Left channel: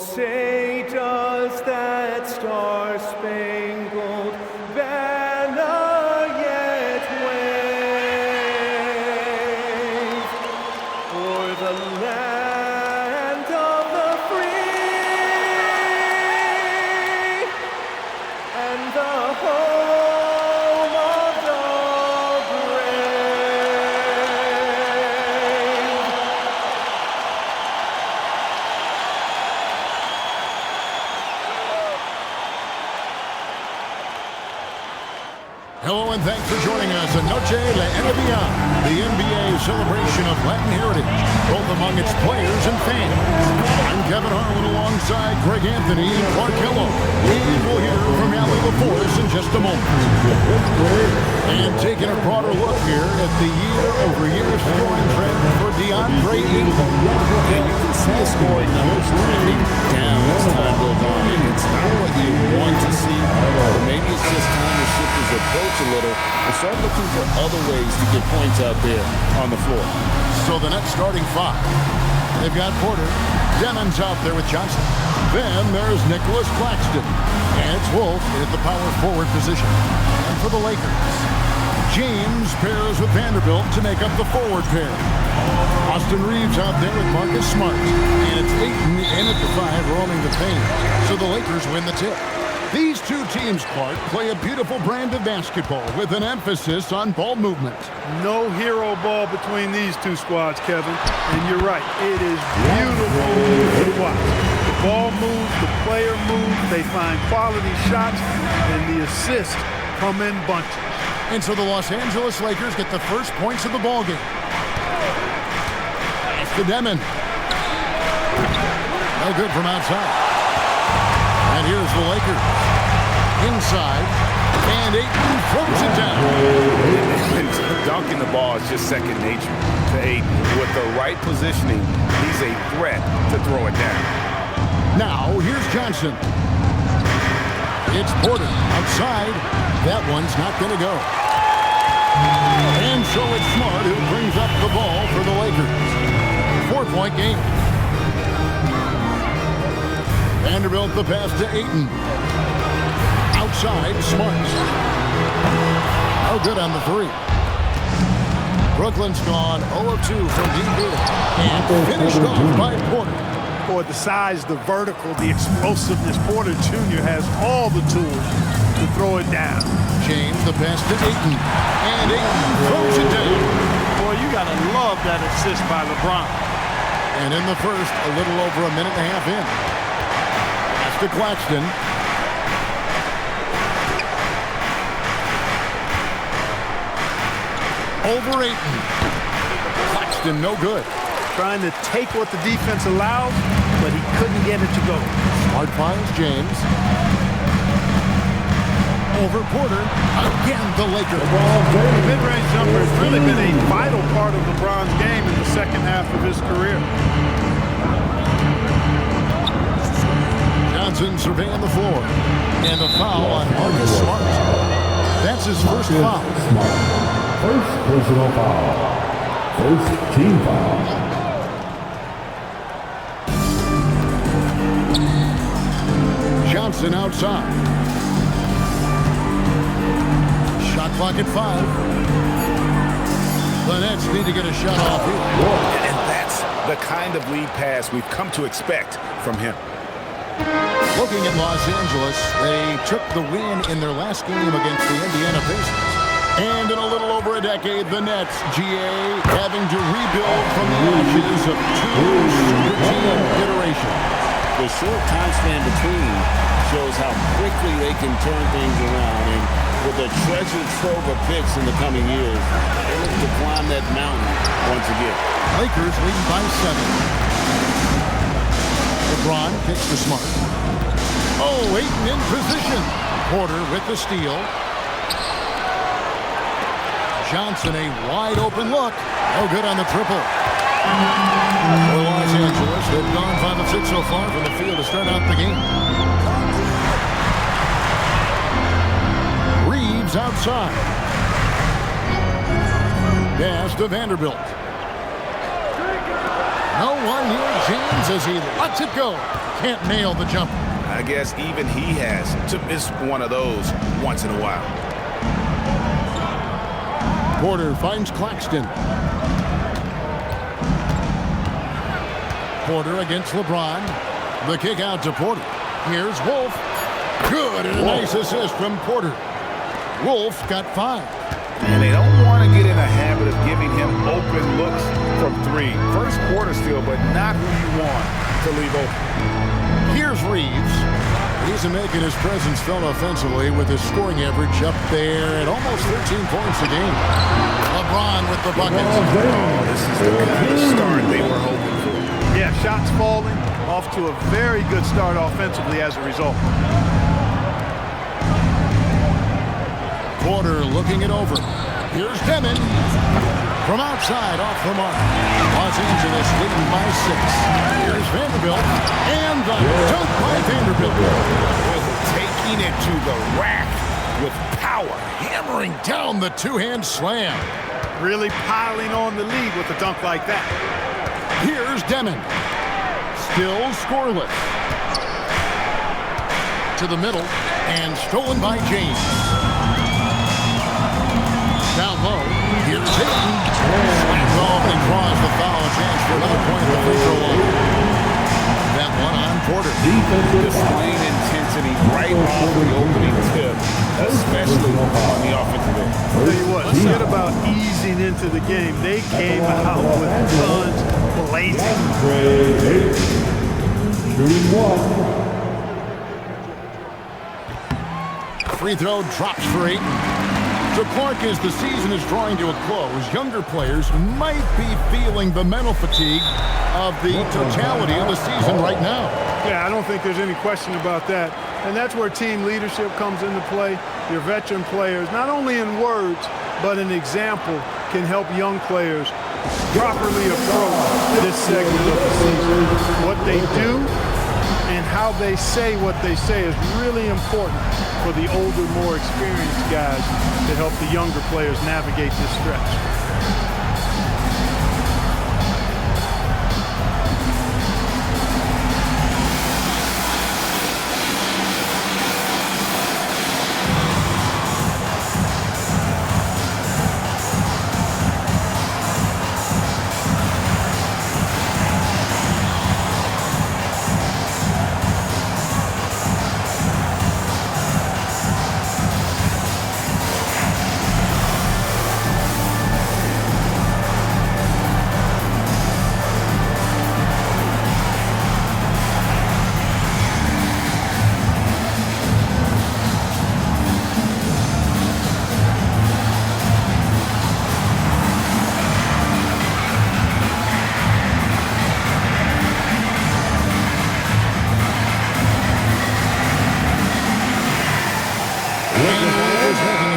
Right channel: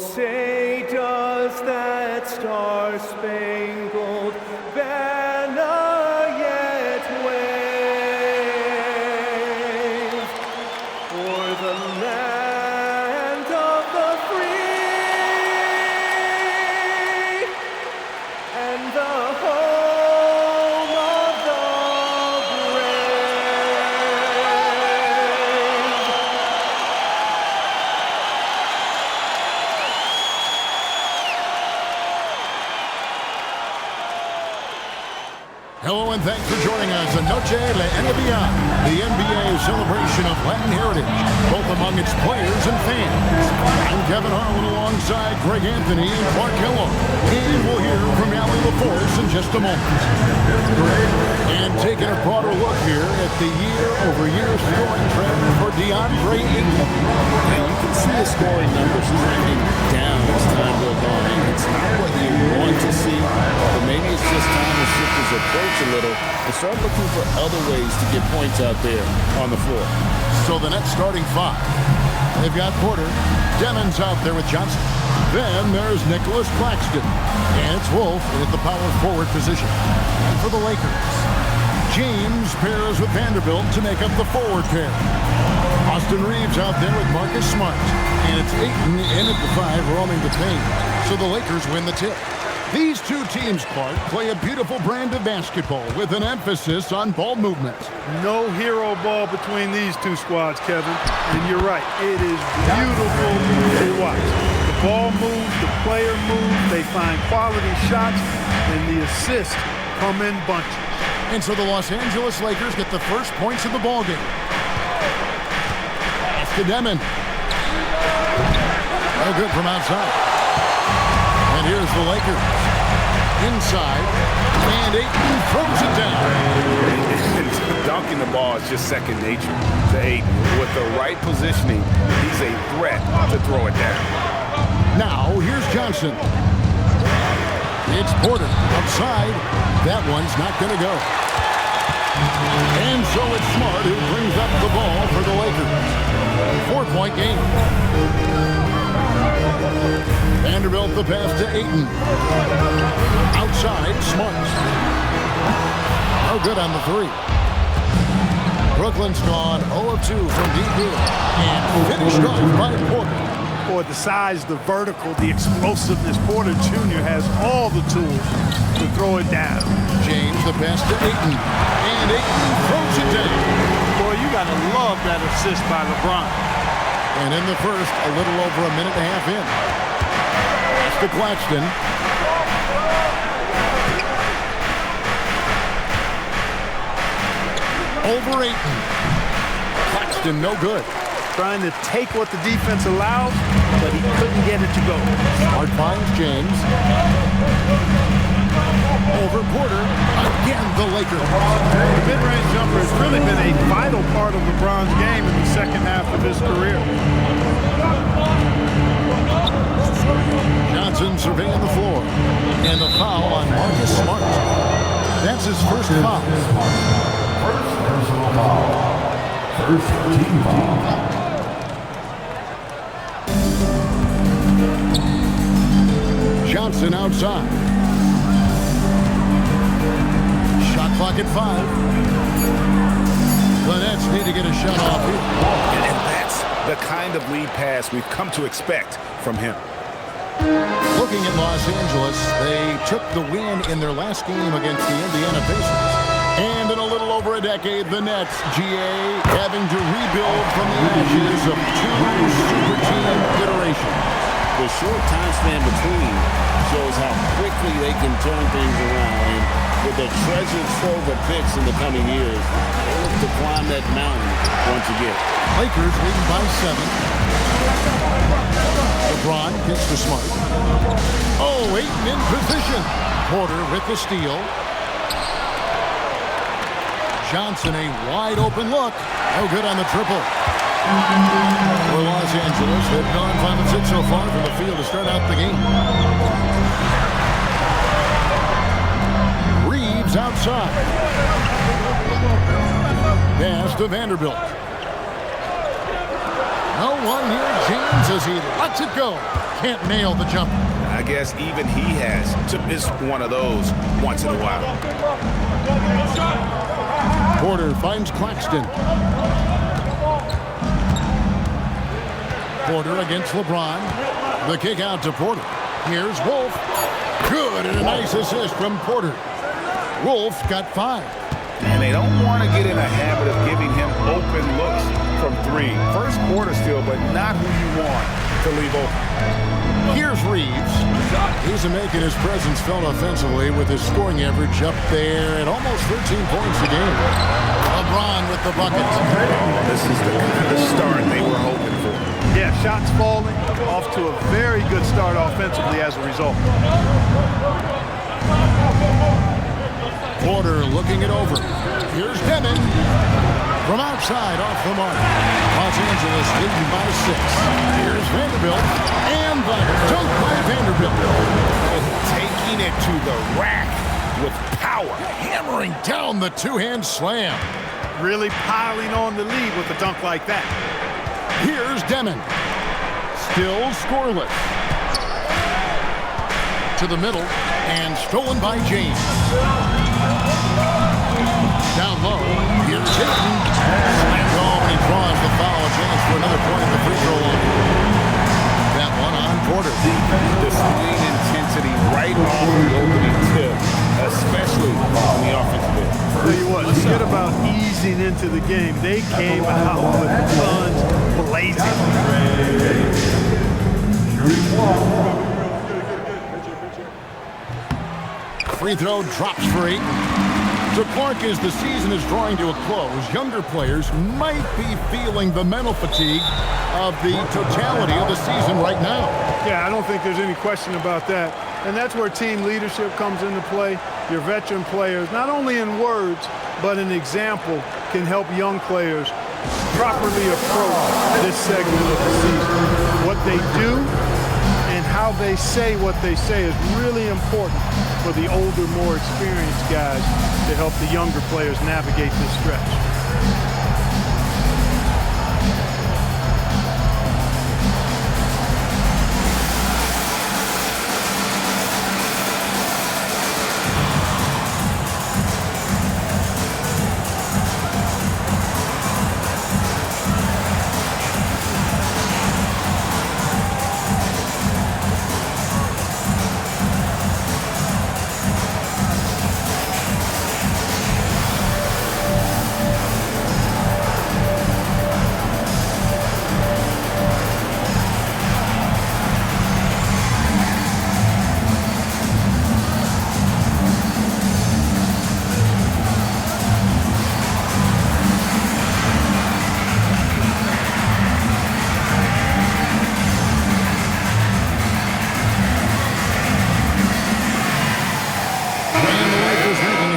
say does that star-spangled banner yet wave o'er the land of the free and the home of the brave. Hello and thanks for joining us on Noche la NBA, the NBA celebration of Latin heritage, both among its players and fans. I'm Kevin Harlan alongside Greg Anthony and Clark Kellogg, and we'll hear from Allie LaForce in just a moment. And taking a broader look here at the year-over-year scoring trend for DeAndre Ayton. And you can see his scoring numbers trending down as time goes on. It's not what you want to see, but maybe it's just time to shift his approach a little and start looking for other ways to get points out there on the floor. So the Nets starting five. They've got Porter. Demon's out there with Johnson. Then there's Nicholas Claxton. And it's Wolf at the power forward position. And for the Lakers, James pairs with Vanderbilt to make up the forward pair. Austin Reeves out there with Marcus Smart. And it's Ayton in at the five, roaming the paint. So the Lakers win the tip. These two teams, Clark, play a beautiful brand of basketball with an emphasis on ball movement. No hero ball between these two squads, Kevin. And you're right, it is beautiful to watch. The ball moves, the player moves, they find quality shots, and the assists come in bunches. And so the Los Angeles Lakers get the first points of the ballgame. Pass to Demon. No good from outside. And here's the Lakers. Inside. And Ayton throws it down. Dunking the ball is just second nature to Ayton. With the right positioning, he's a threat to throw it down. Now, here's Johnson. It's Porter outside. That one's not going to go. And so it's Smart who brings up the ball for the Lakers. 4-point game. Vanderbilt the pass to Ayton. Outside, Smart. No good on the three. Brooklyn's gone 0 of 2 from deep here. And finished off by Porter. Boy, the size, the vertical, the explosiveness. Porter Jr. has all the tools to throw it down. James the pass to Ayton. And Ayton throws it down. Boy, you got to love that assist by LeBron. And in the first, a little over a minute and a half in. Pass to Claxton. Over Ayton. Claxton no good. Trying to take what the defense allows, but he couldn't get it to go. Smart finds James. Over Porter. Again, the Lakers. The mid-range jumper has really been a vital part of LeBron's game in the second half of his career. Johnson surveying the floor. And the foul on Marcus Smart. That's his first foul. First personal foul. First team foul. Johnson outside. Shot clock at 5. The Nets need to get a shot off here. And that's the kind of lead pass we've come to expect from him. Looking at Los Angeles, they took the win in their last game against the Indiana Pacers. And in a little over a decade, the Nets, GA, having to rebuild from the ashes of 2 super team iterations. The short time span between shows how quickly they can turn things around. And with a treasure trove of picks in the coming years, they look to climb that mountain once again. Lakers leading by 7. LeBron kicks to Smart. Oh, Ayton in position. Porter with the steal. Johnson, a wide open look. No good on the triple. For Los Angeles, they've gone 5 of 6 so far from the field to start out the game. Reeves outside. Pass to Vanderbilt. No one near James as he lets it go. can't nail the jumper. I guess even he has to miss one of those once in a while. Porter finds Claxton. Porter against LeBron. The kick out to Porter. Here's Wolf. Good, and a nice assist from Porter. Wolf got 5. And they don't want to get in a habit of giving him open looks from 3. First quarter still, but not who you want to leave open. Here's Reeves. He's making his presence felt offensively with his scoring average up there at almost 13 points a game. LeBron with the buckets. Oh, this is the kind of start they were hoping for. Yeah, shots falling, off to a very good start offensively as a result. Porter looking it over. Here's Demon. From outside, off the mark. Los Angeles leading by 6. Here's Vanderbilt. And the dunk by Vanderbilt. Oh, taking it to the rack with power. Hammering down the two-hand slam. Really piling on the lead with a dunk like that. Here's Demon. Still scoreless. To the middle. And stolen by James. Down low. Here's Tatum. Slams home and he draws the foul. A chance for another point at the free throw line. That one on Porter. Displaying intensity right off the opening tip, especially on the offensive end. I'll tell you what, forget about easing into the game. They came out with guns blazing. Shooting 1. Free throw drops for Ayton. So Clark, as the season is drawing to a close, younger players might be feeling the mental fatigue of the totality of the season right now. Yeah, I don't think there's any question about that. And that's where team leadership comes into play. Your veteran players, not only in words, but an example, can help young players properly approach this segment of the season. What they do and how they say what they say is really important for the older, more experienced guys to help the younger players navigate this stretch.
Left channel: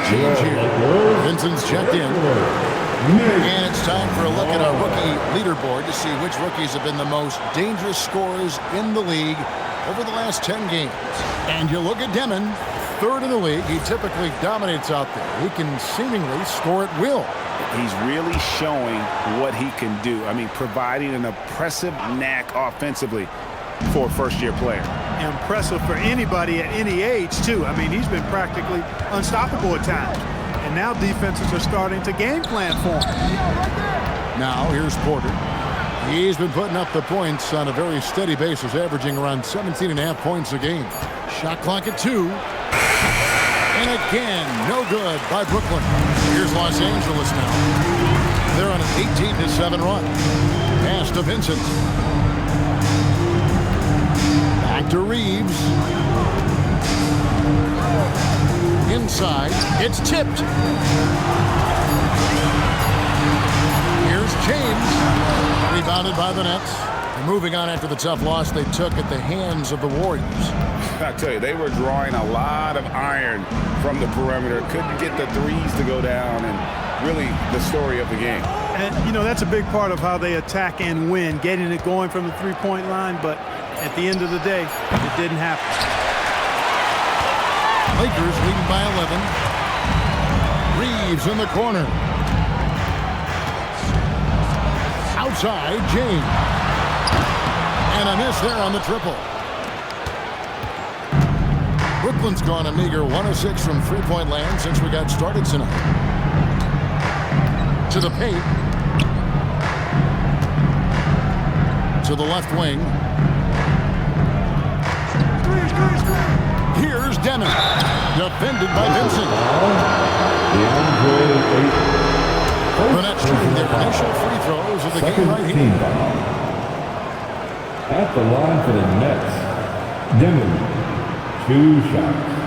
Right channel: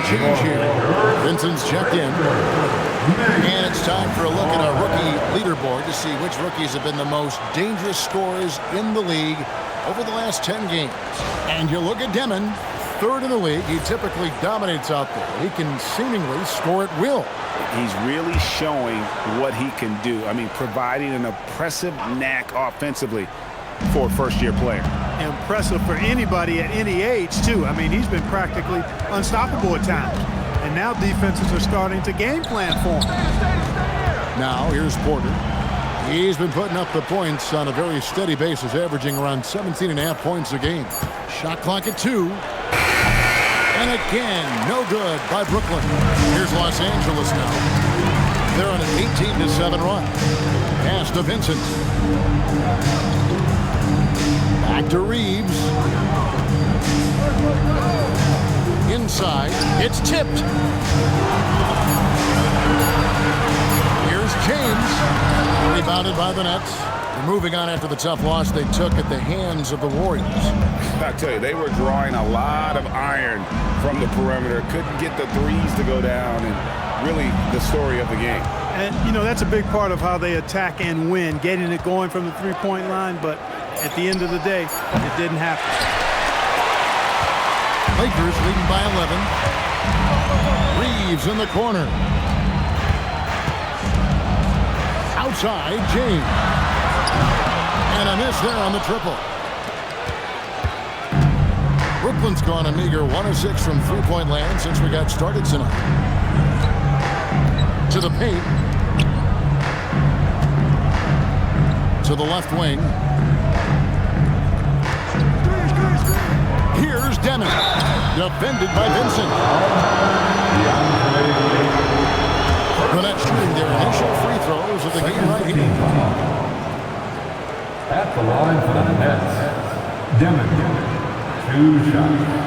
Change here. Vincent's checked in. And it's time for a look at our rookie leaderboard to see which rookies have been the most dangerous scorers in the league over the last 10 games. And you look at Demon, 3rd in the league. He typically dominates out there. He can seemingly score at will. He's really showing what he can do. I mean, providing an impressive knack offensively for a first-year player. Impressive for anybody at any age, too. I mean, he's been practically unstoppable at times. And now defenses are starting to game plan for him. Now, here's Porter. He's been putting up the points on a very steady basis, averaging around 17.5 points a game. Shot clock at 2. And again, no good by Brooklyn. Here's Los Angeles now. They're on an 18-7 run. Pass to Vincent. Back to Reeves. Inside. It's tipped. Here's James. Rebounded by the Nets. They're moving on after the tough loss they took at the hands of the Warriors. I tell you, they were drawing a lot of iron from the perimeter. Couldn't get the threes to go down, and really the story of the game. And, you know, that's a big part of how they attack and win, getting it going from the three-point line, but at the end of the day, it didn't happen. Lakers leading by 11. Reeves in the corner. Outside, James. And a miss there on the triple. Brooklyn's gone a meager 1 of 6 from three-point land since we got started tonight. To the paint. To the left wing. Here's Demon. Defended by Vincent. The Nets shooting their initial free throws of the game right here. At the line for the Nets, Demon, 2 shots.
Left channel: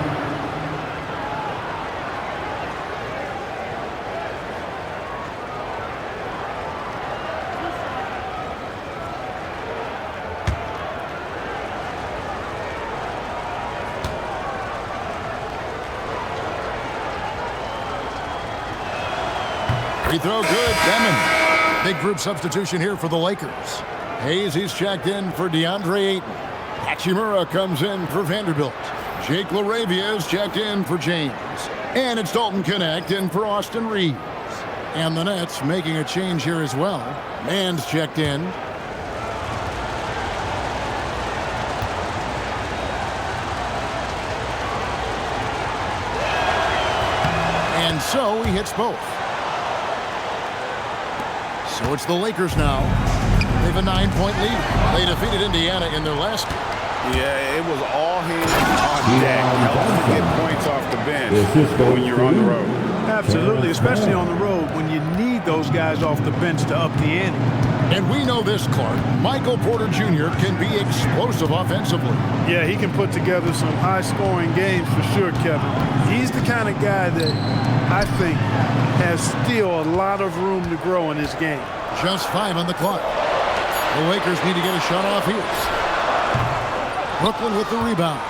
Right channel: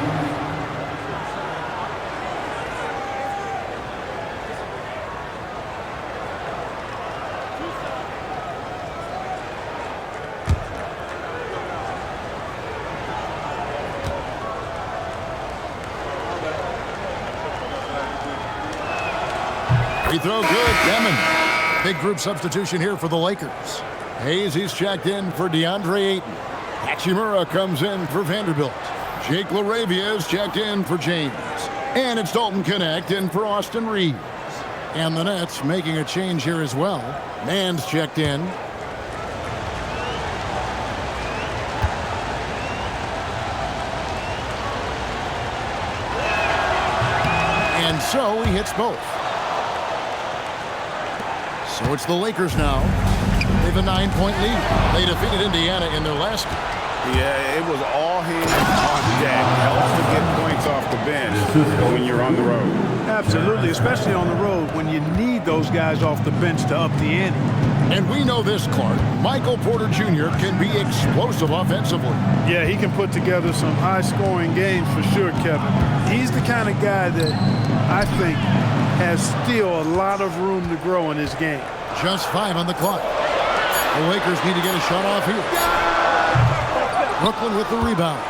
Free throw good, Demon. Big group substitution here for the Lakers. Hayes, he's checked in for DeAndre Ayton. Hachimura comes in for Vanderbilt. Jake LaRavia is checked in for James. And it's Dalton Connect in for Austin Reeves. And the Nets making a change here as well. Mann's checked in. And so he hits both. So it's the Lakers now. They have a 9-point lead. They defeated Indiana in their last game. Yeah, it was all hands on deck. Helps to get points off the bench when you're on the road. Absolutely, especially on the road when you need those guys off the bench to up the ante. And we know this, Clark. Michael Porter Jr. can be explosive offensively. Yeah, he can put together some high-scoring games for sure, Kevin. He's the kind of guy that I think has still a lot of room to grow in his game. Just 5 on the clock. The Lakers need to get a shot off here. Brooklyn with the rebound.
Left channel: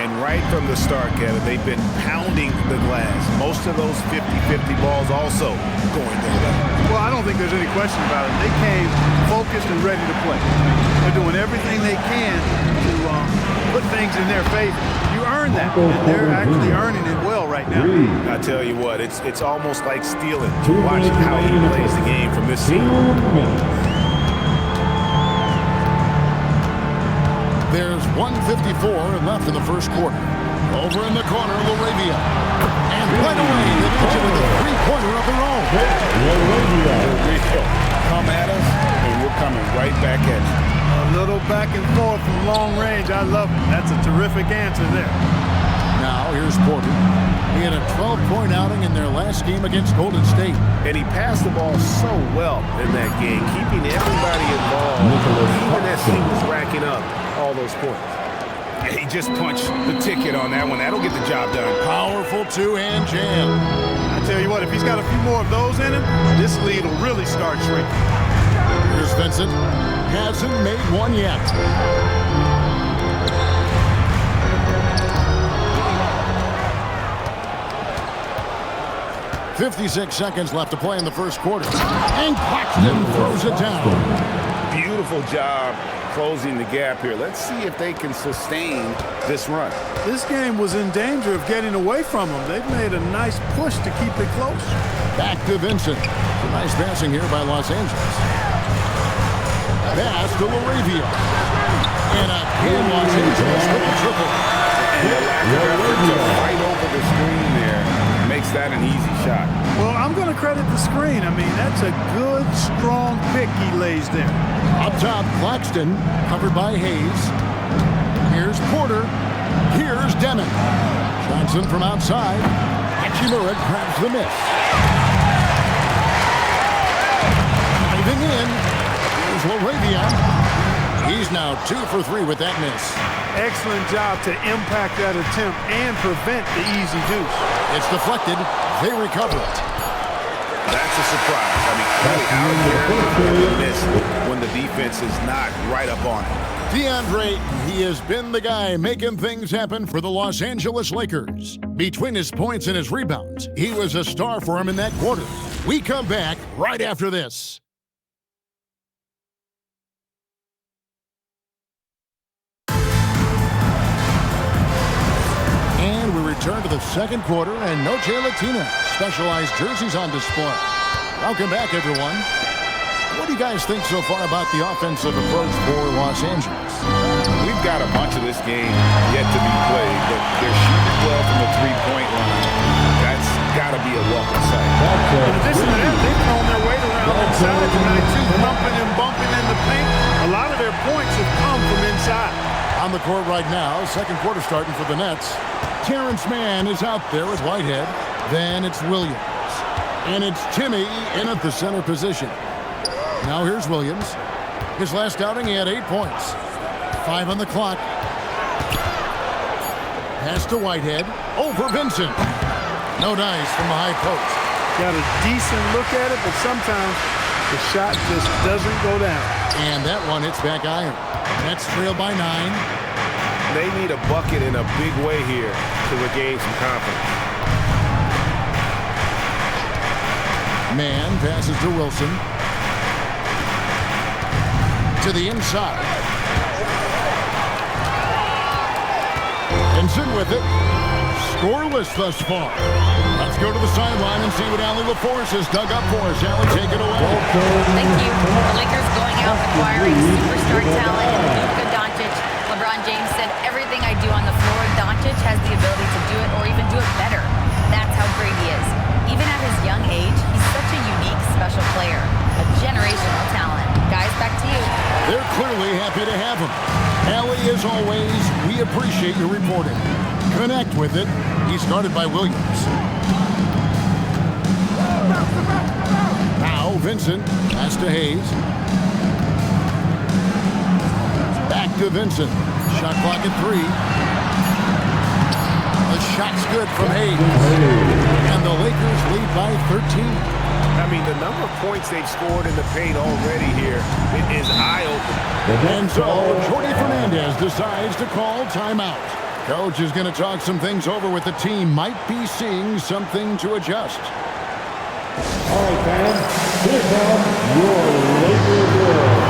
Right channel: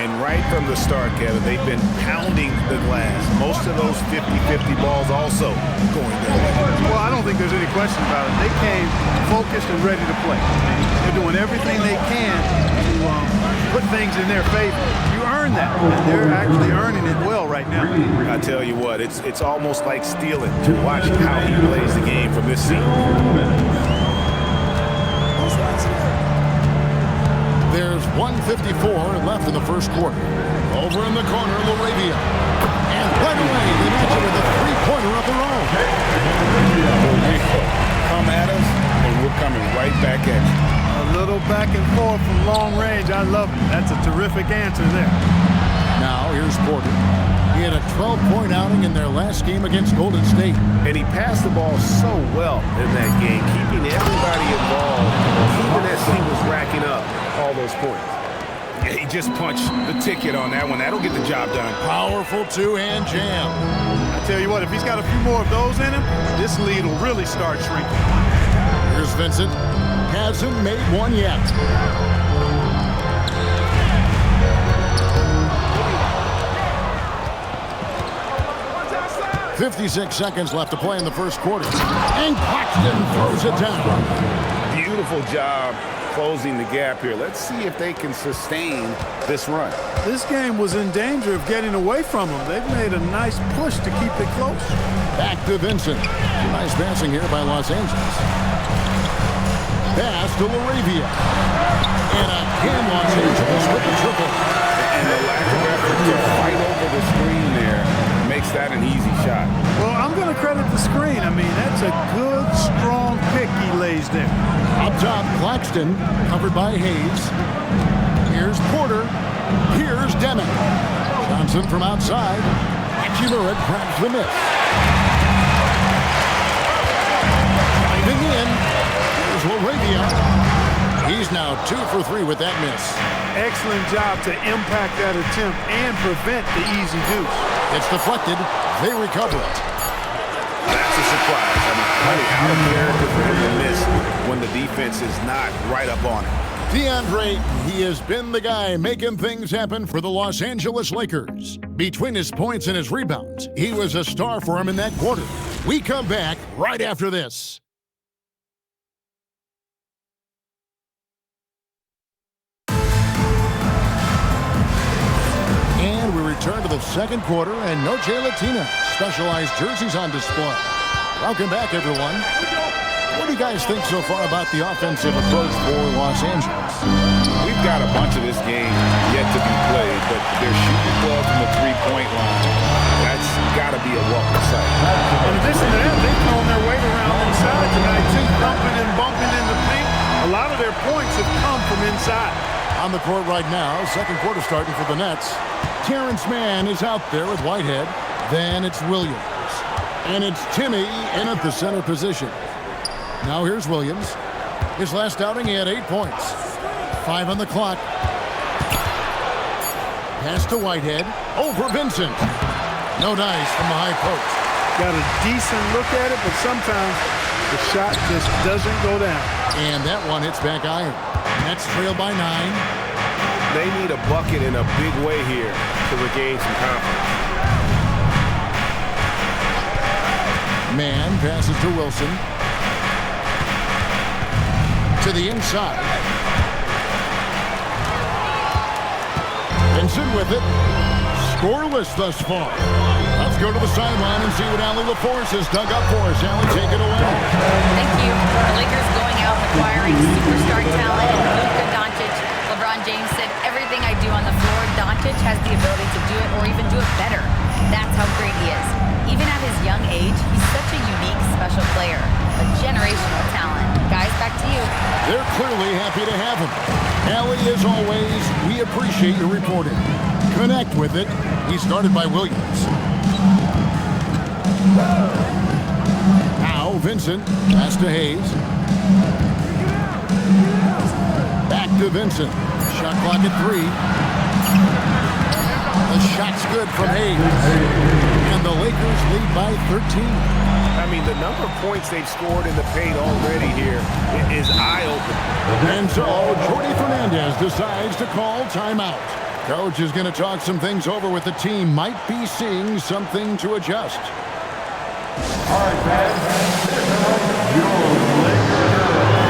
And right from the start, Kevin, they've been pounding the glass. Most of those 50-50 balls also going their way. Well, I don't think there's any question about it. They came focused and ready to play. They're doing everything they can to put things in their favor. You earn that, and they're actually earning it well right now. I tell you what, it's almost like stealing to watch how he plays the game from this scene. There's 1:54 left in the first quarter. Over in the corner, LaRavia. And right away, they match it with a three-pointer of their own. Come at us, and we're coming right back at you. A little back and forth from long range. I love it. That's a terrific answer there. Now, here's Porter. He had a 12-point outing in their last game against Golden State. And he passed the ball so well in that game, keeping everybody involved, even as he was racking up all those points. Yeah, he just punched the ticket on that one. That'll get the job done. Powerful two-hand jam. I tell you what, if he's got a few more of those in him, this lead will really start shrinking. Here's Vincent. Hasn't made one yet. .56 seconds left to play in the first quarter. And Claxton throws it down. Beautiful job closing the gap here. Let's see if they can sustain this run. This game was in danger of getting away from them. They've made a nice push to keep it close. Back to Vincent. Some nice passing here by Los Angeles. Pass to LaRavia. And again, Los Angeles with the triple. And the lack of effort to fight over the screen there makes that an easy shot. Well, I'm going to credit the screen. I mean, that's a good, strong pick he lays there. Up top, Claxton, covered by Hayes. Here's Porter. Here's Demon. Johnson from outside. Hachimura grabs the miss. Diving in. Here's LaRavia. He's now 2 for 3 with that miss. Excellent job to impact that attempt and prevent the easy deuce. It's deflected. They recover it. That's a surprise. I mean, really out of character for him to miss when the defense is not right up on it. DeAndre, he has been the guy making things happen for the Los Angeles Lakers. Between his points and his rebounds, he was a star for him in that quarter. We come back right after this. And we return to the second quarter, and Noche Latina specialized jerseys on display. Welcome back, everyone. What do you guys think so far about the offensive approach for Los Angeles? We've got a bunch of this game yet to be played, but they're shooting well from the three-point line. That's got to be a welcome sight. In addition to that, they've thrown their weight around inside tonight, too, thumping and bumping in the paint. A lot of their points have come from inside. On the court right now, second quarter starting for the Nets. Terrence Mann is out there with Whitehead. Then it's Williams. And it's Timmy in at the center position. Now here's Williams. His last outing, he had 8 points. 5 on the clock. Pass to Whitehead. Over Vincent. No dice from the high post. Got a decent look at it, but sometimes the shot just doesn't go down. And that one hits back iron. Nets trail by 9. They need a bucket in a big way here to regain some confidence. Mann passes to Wilson. To the inside. Vincent with it. Scoreless thus far. Let's go to the sideline and see what Allie LaForce has dug up for us. Allie, take it away. Thank you. The Lakers going out and acquiring superstar talent in Luka Doncic. LeBron James said, everything I do on the floor, Doncic has the ability to do it or even do it better. That's how great he is. Even at his young age, he's such a unique, special player. A generational talent. Guys, back to you. They're clearly happy to have him. Allie, as always, we appreciate your reporting. Connect with it. He's guarded by Williams. Now Vincent. Pass to Hayes. Back to Vincent. Shot clock at 3. The shot's good from Hayes. And the Lakers lead by 13. I mean, the number of points they've scored in the paint already here is eye-opening. And so Jordy Fernandez decides to call timeout. Coach is going to talk some things over with the team. Might be seeing something to adjust. All right, fans, here comes your Lakers journal.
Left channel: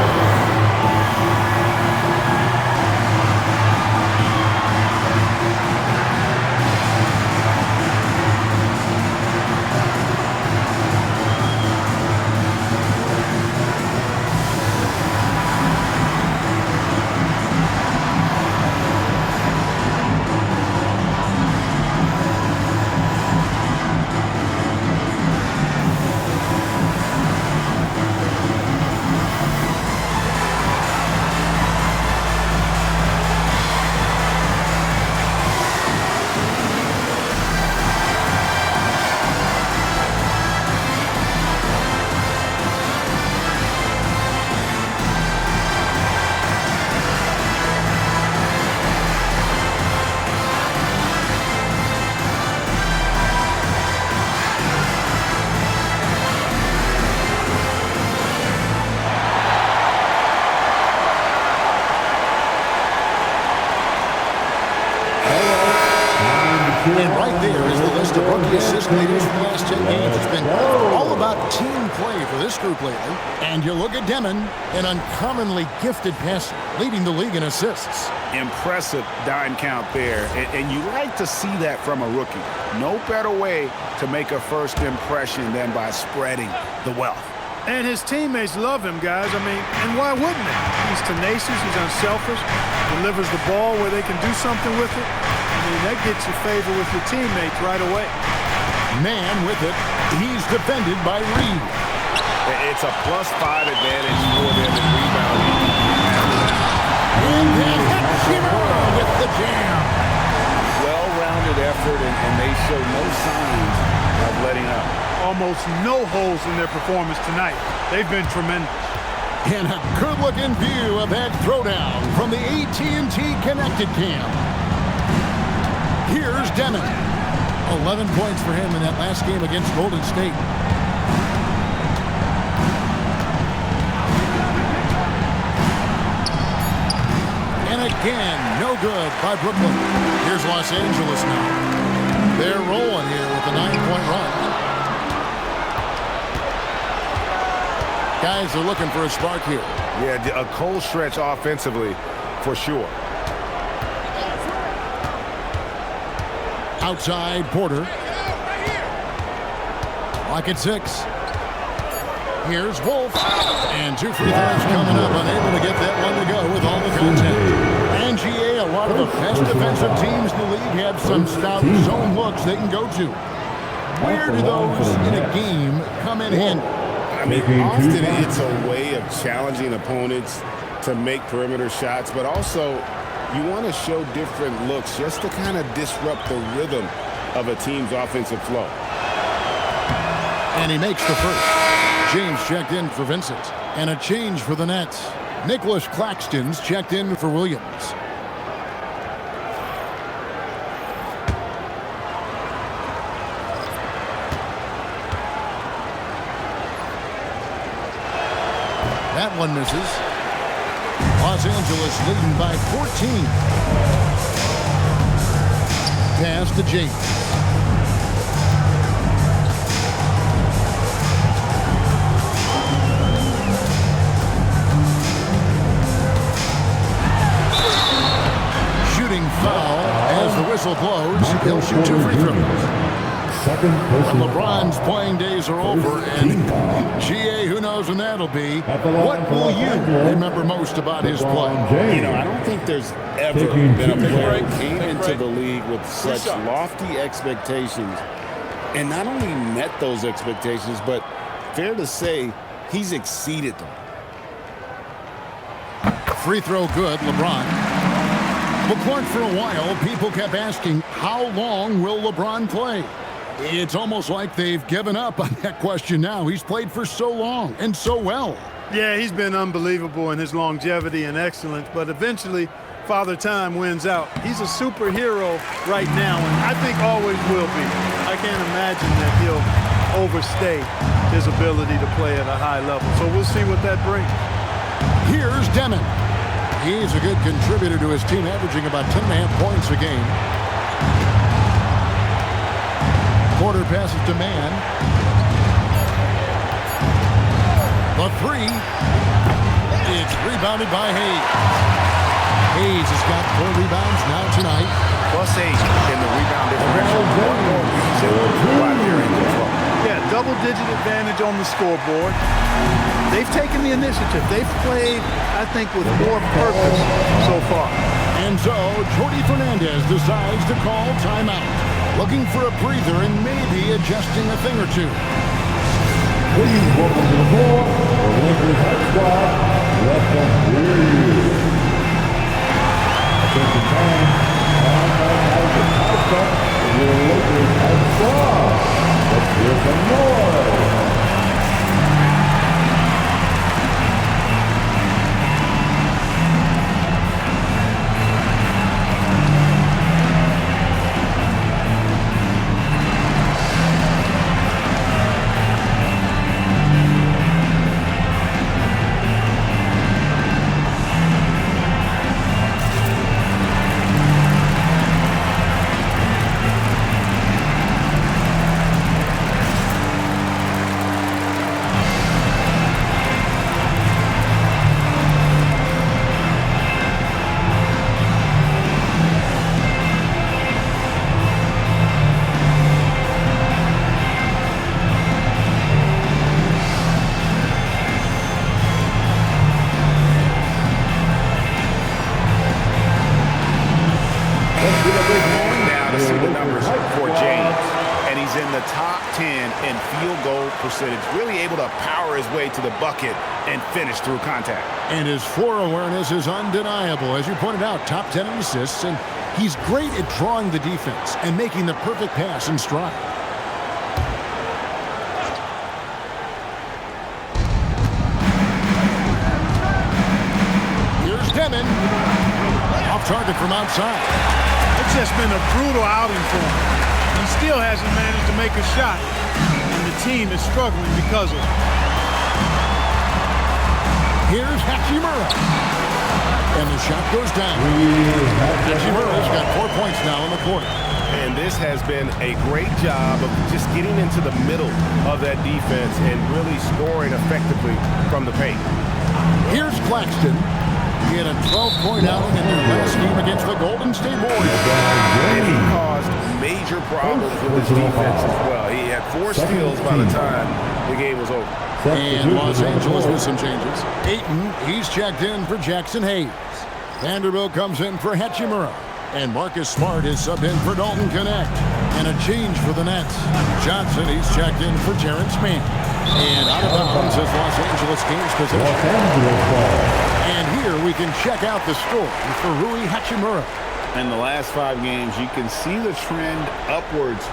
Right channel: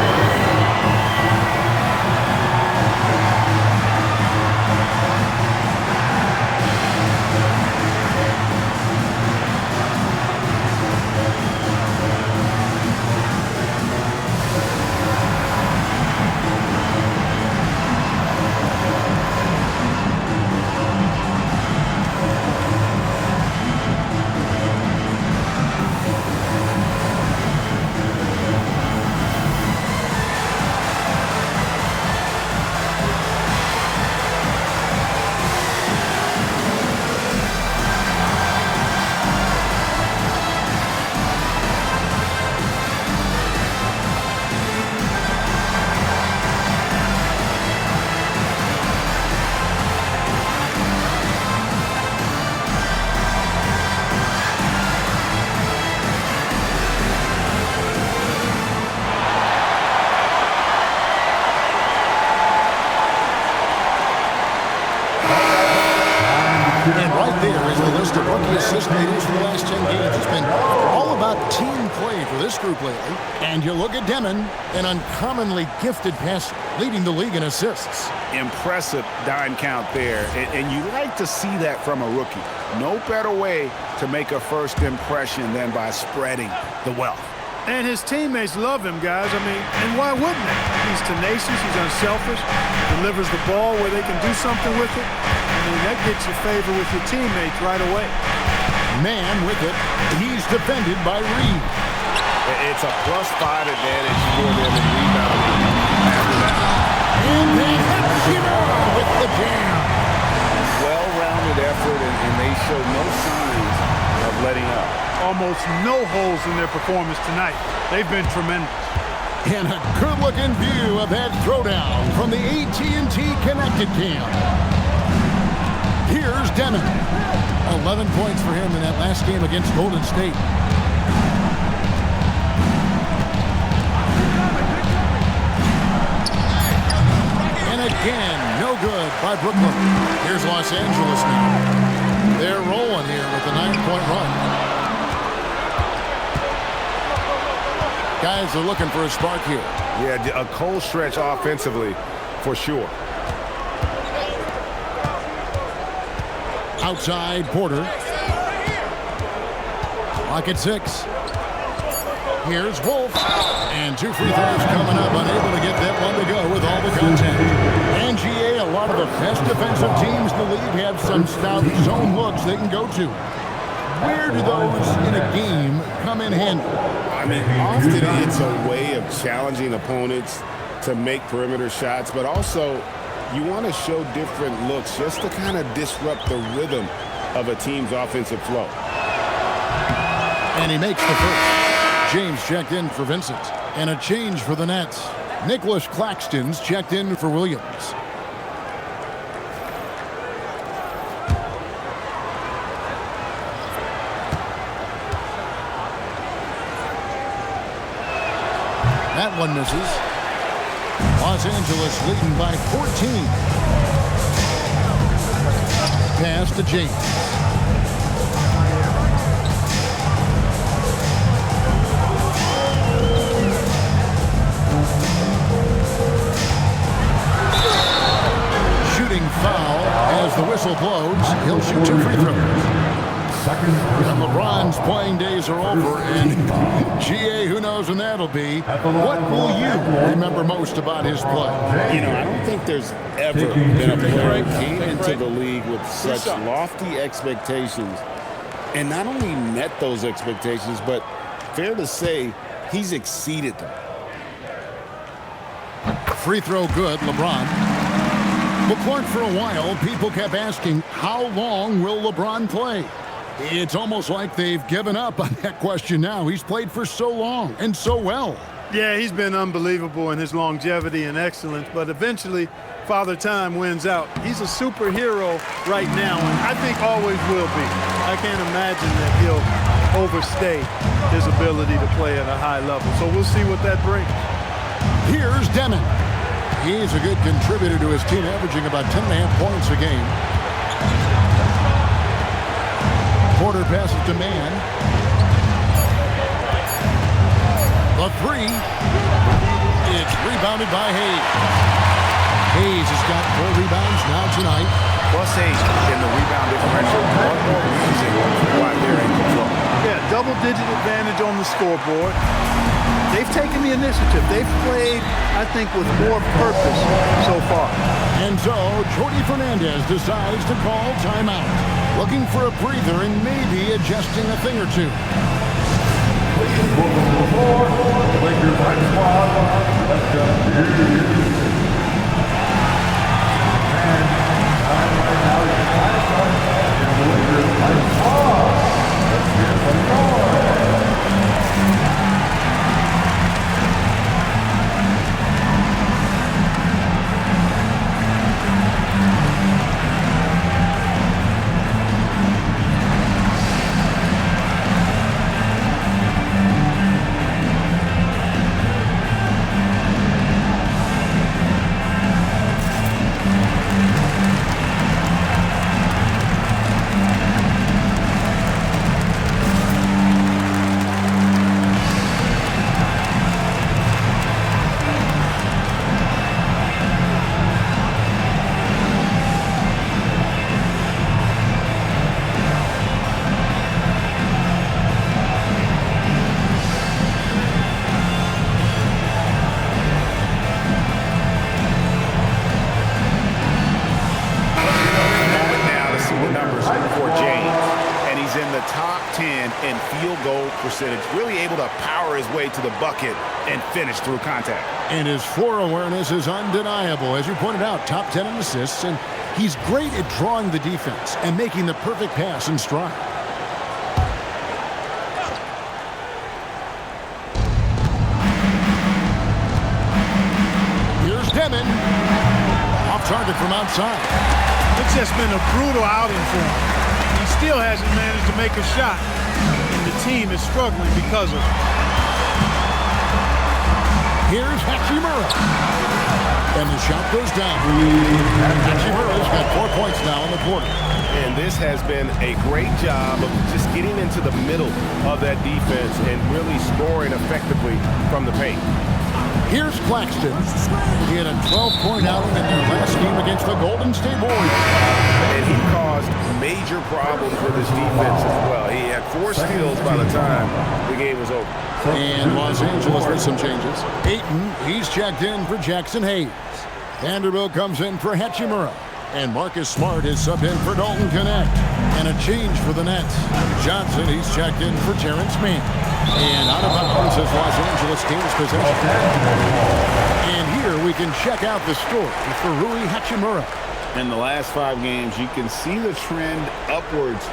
And right there is the list of rookie assist leaders for the last 10 games. It's been all about team play for this group lately. And you look at Demon, an uncommonly gifted passer, leading the league in assists. Impressive dime count there, and you like to see that from a rookie. No better way to make a first impression than by spreading the wealth. And his teammates love him, guys. I mean, and why wouldn't they? He's tenacious, he's unselfish, delivers the ball where they can do something with it. I mean, that gets you favor with your teammates right away. Man with it. He's defended by Reed. It's a +5 advantage for them in rebounding after that. And then Hachimura with the jam. Well-rounded effort, and they show no signs of letting up. Almost no holes in their performance tonight. They've been tremendous. And a good-looking view of that throwdown from the AT&T Connected Cam. Here's Demon. 11 points for him in that last game against Golden State. And again, no good by Brooklyn. Here's Los Angeles now. They're rolling here with a 9-point run. Guys are looking for a spark here. Yeah, a cold stretch offensively for sure. Outside, Porter. Clock at 6. Here's Wolf. And 2 free throws coming up. Unable to get that one to go with all the contact. And GA, a lot of the best defensive teams in the league have some stout zone looks they can go to. Where do those in a game come in handy? I mean, often it's a way of challenging opponents to make perimeter shots, but also you want to show different looks just to kind of disrupt the rhythm of a team's offensive flow. And he makes the first. James checked in for Vincent. And a change for the Nets. Nicholas Claxton's checked in for Williams. That one misses. Los Angeles leading by 14. Pass to James. Shooting foul as the whistle blows. He'll shoot 2 free throws. When LeBron's playing days are over, and GA, who knows when that'll be, what will you remember most about his play? You know, I don't think there's ever been a player who came into the league with such lofty expectations and not only met those expectations, but fair to say, he's exceeded them. Free throw good, LeBron. Well, Clark, for a while, people kept asking, how long will LeBron play? It's almost like they've given up on that question now. He's played for so long and so well. Yeah, he's been unbelievable in his longevity and excellence, but eventually Father Time wins out. He's a superhero right now, and I think always will be. I can't imagine that he'll overstay his ability to play at a high level. So we'll see what that brings. Here's Demon. He's a good contributor to his team, averaging about 10.5 points a game. Porter passes to Man. The 3. It's rebounded by Hayes. Hayes has got 4 rebounds now tonight. +8 in the rebound differential. One more reason why they're in control. Yeah, double-digit advantage on the scoreboard. They've taken the initiative. They've played, I think, with more purpose so far. And so, Jordi Fernandez decides to call timeout. Looking for a breather and maybe adjusting a thing or two. Please welcome to the floor, the Lakers high squad. Let them hear you. Attention fans, now is the high start of your Lakers high squad. Let's hear some noise. In the top 10 in field goal percentage, really able to power his way to the bucket and finish through contact. And his floor awareness is undeniable. As you pointed out, top 10 in assists, and he's great at drawing the defense and making the perfect pass in stride. Here's Demon. Off target from outside. It's just been a brutal outing for him. He still hasn't managed to make a shot, and the team is struggling because of it. Here's Hachimura. And the shot goes down. Hachimura's got 4 points now in the quarter. And this has been a great job of just getting into the middle of that defense and really scoring effectively from the paint. Here's Claxton. He had a 12-point outing in their last game against the Golden State Warriors. And he caused major problems with his defense as well. He had 4 steals by the time the game was over. And Los Angeles with some changes. Ayton, he's checked in for Jackson Hayes. Vanderbilt comes in for Hachimura. And Marcus Smart is subbed in for Dalton Connect. And a change for the Nets. Johnson, he's checked in for Terrence Mann. And out of bounds as Los Angeles Kings possession. And here we can check out the story for Rui Hachimura. In the last 5 games, you can see the trend upwards